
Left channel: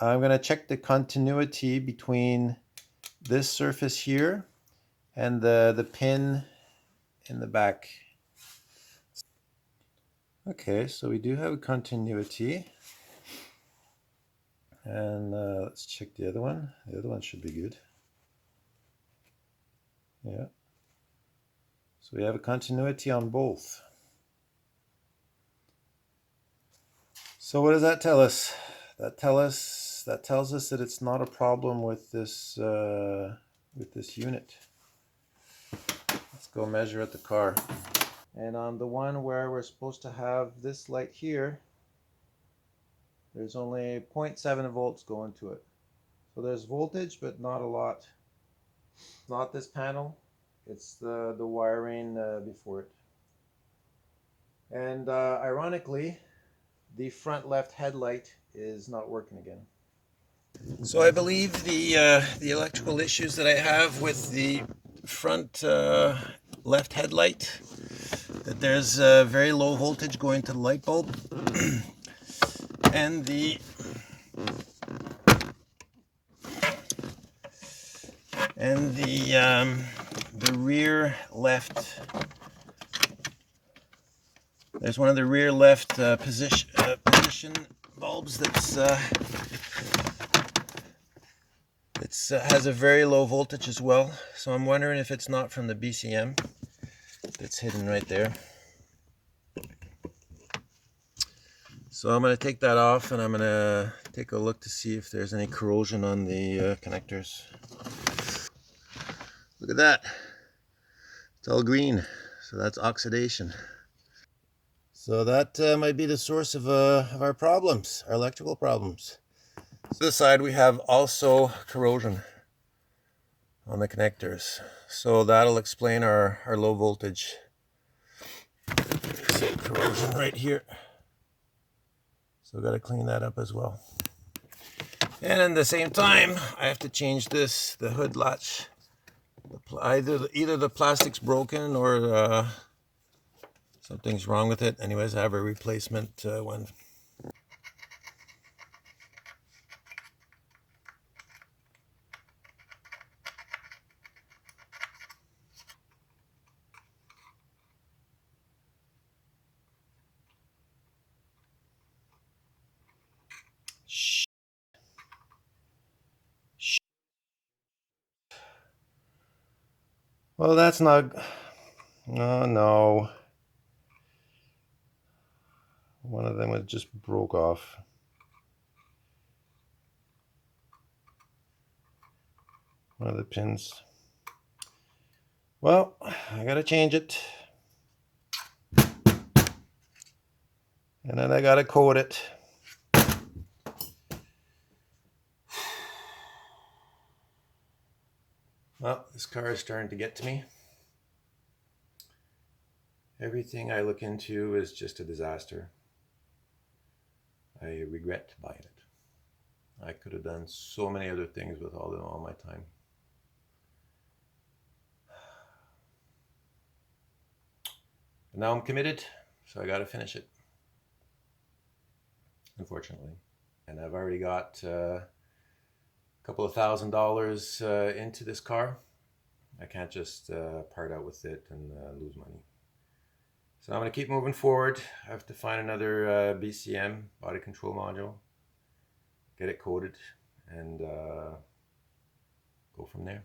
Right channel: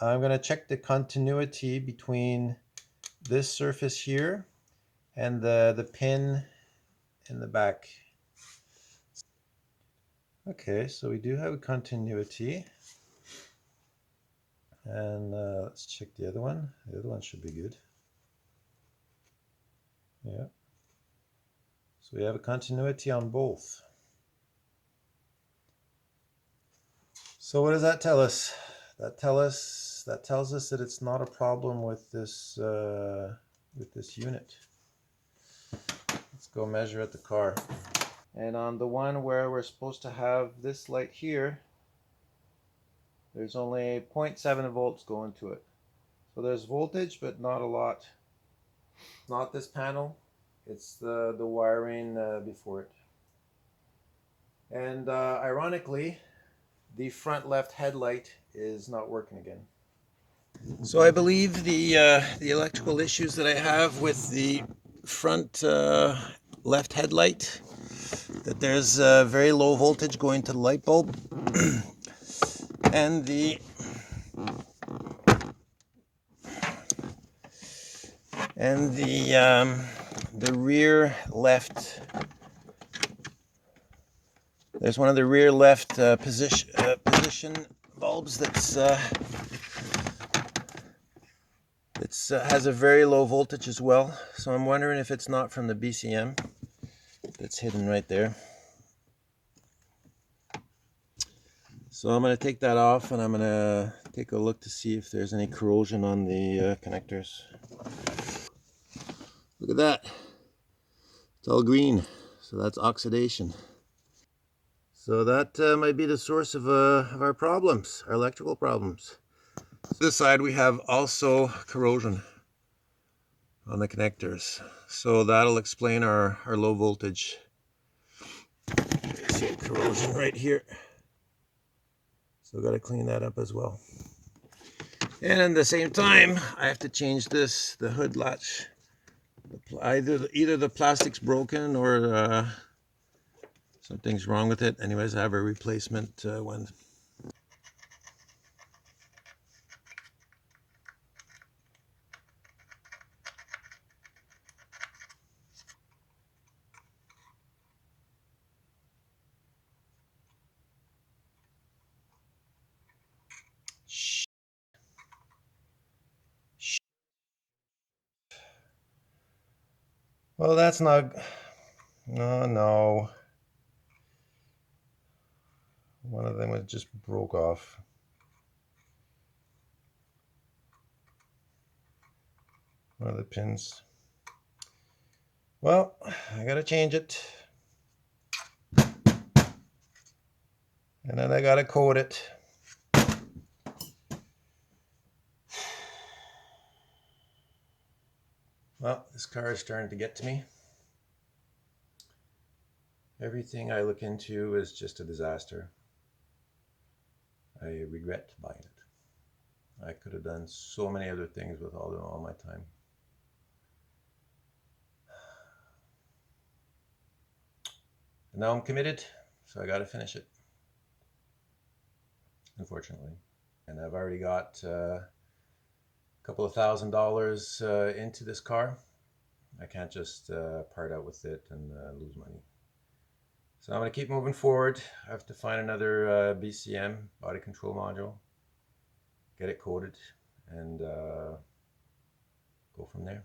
I'm going to check the continuity between this surface here and the pin in the back. Okay, so we do have a continuity. And let's check the other one. The other one should be good. Yeah. So we have a continuity on both. So what does that tell us? That tells us that it's not a problem with this unit. Let's go measure at the car. And on the one where we're supposed to have this light here, there's only 0.7 volts going to it. So there's voltage, but not a lot. Not this panel. It's the wiring before it. And ironically, the front left headlight is not working again. So I believe the electrical issues that I have with the front left headlight, that there's very low voltage going to the light bulb, and the rear left. There's one of the rear left position bulbs that's has a very low voltage as well. So I'm wondering if it's not from the BCM. It's hidden right there. So I'm going to take that off, and I'm going to take a look to see if there's any corrosion on the connectors. Look at that. It's all green. So that's oxidation. So that might be the source of our problems, our electrical problems. So this side we have also corrosion on the connectors. So that'll explain our low voltage. So corrosion right here. So got to clean that up as well. And at the same time, I have to change this, the hood latch. Either the plastic's broken or something's wrong with it. Anyways, I have a replacement one. Well, that's not... Oh, no. One of them just broke off. One of the pins. Well, I gotta change it. And then I gotta coat it. Well, this car is starting to get to me. Everything I look into is just a disaster. I regret buying it. I could have done so many other things with all my time. And now I'm committed, so I got to finish it, unfortunately. And I've already got a couple of $1,000 into this car. I can't just part out with it and lose money. So I'm going to keep moving forward. I have to find another BCM, body control module, get it coated, and go from there.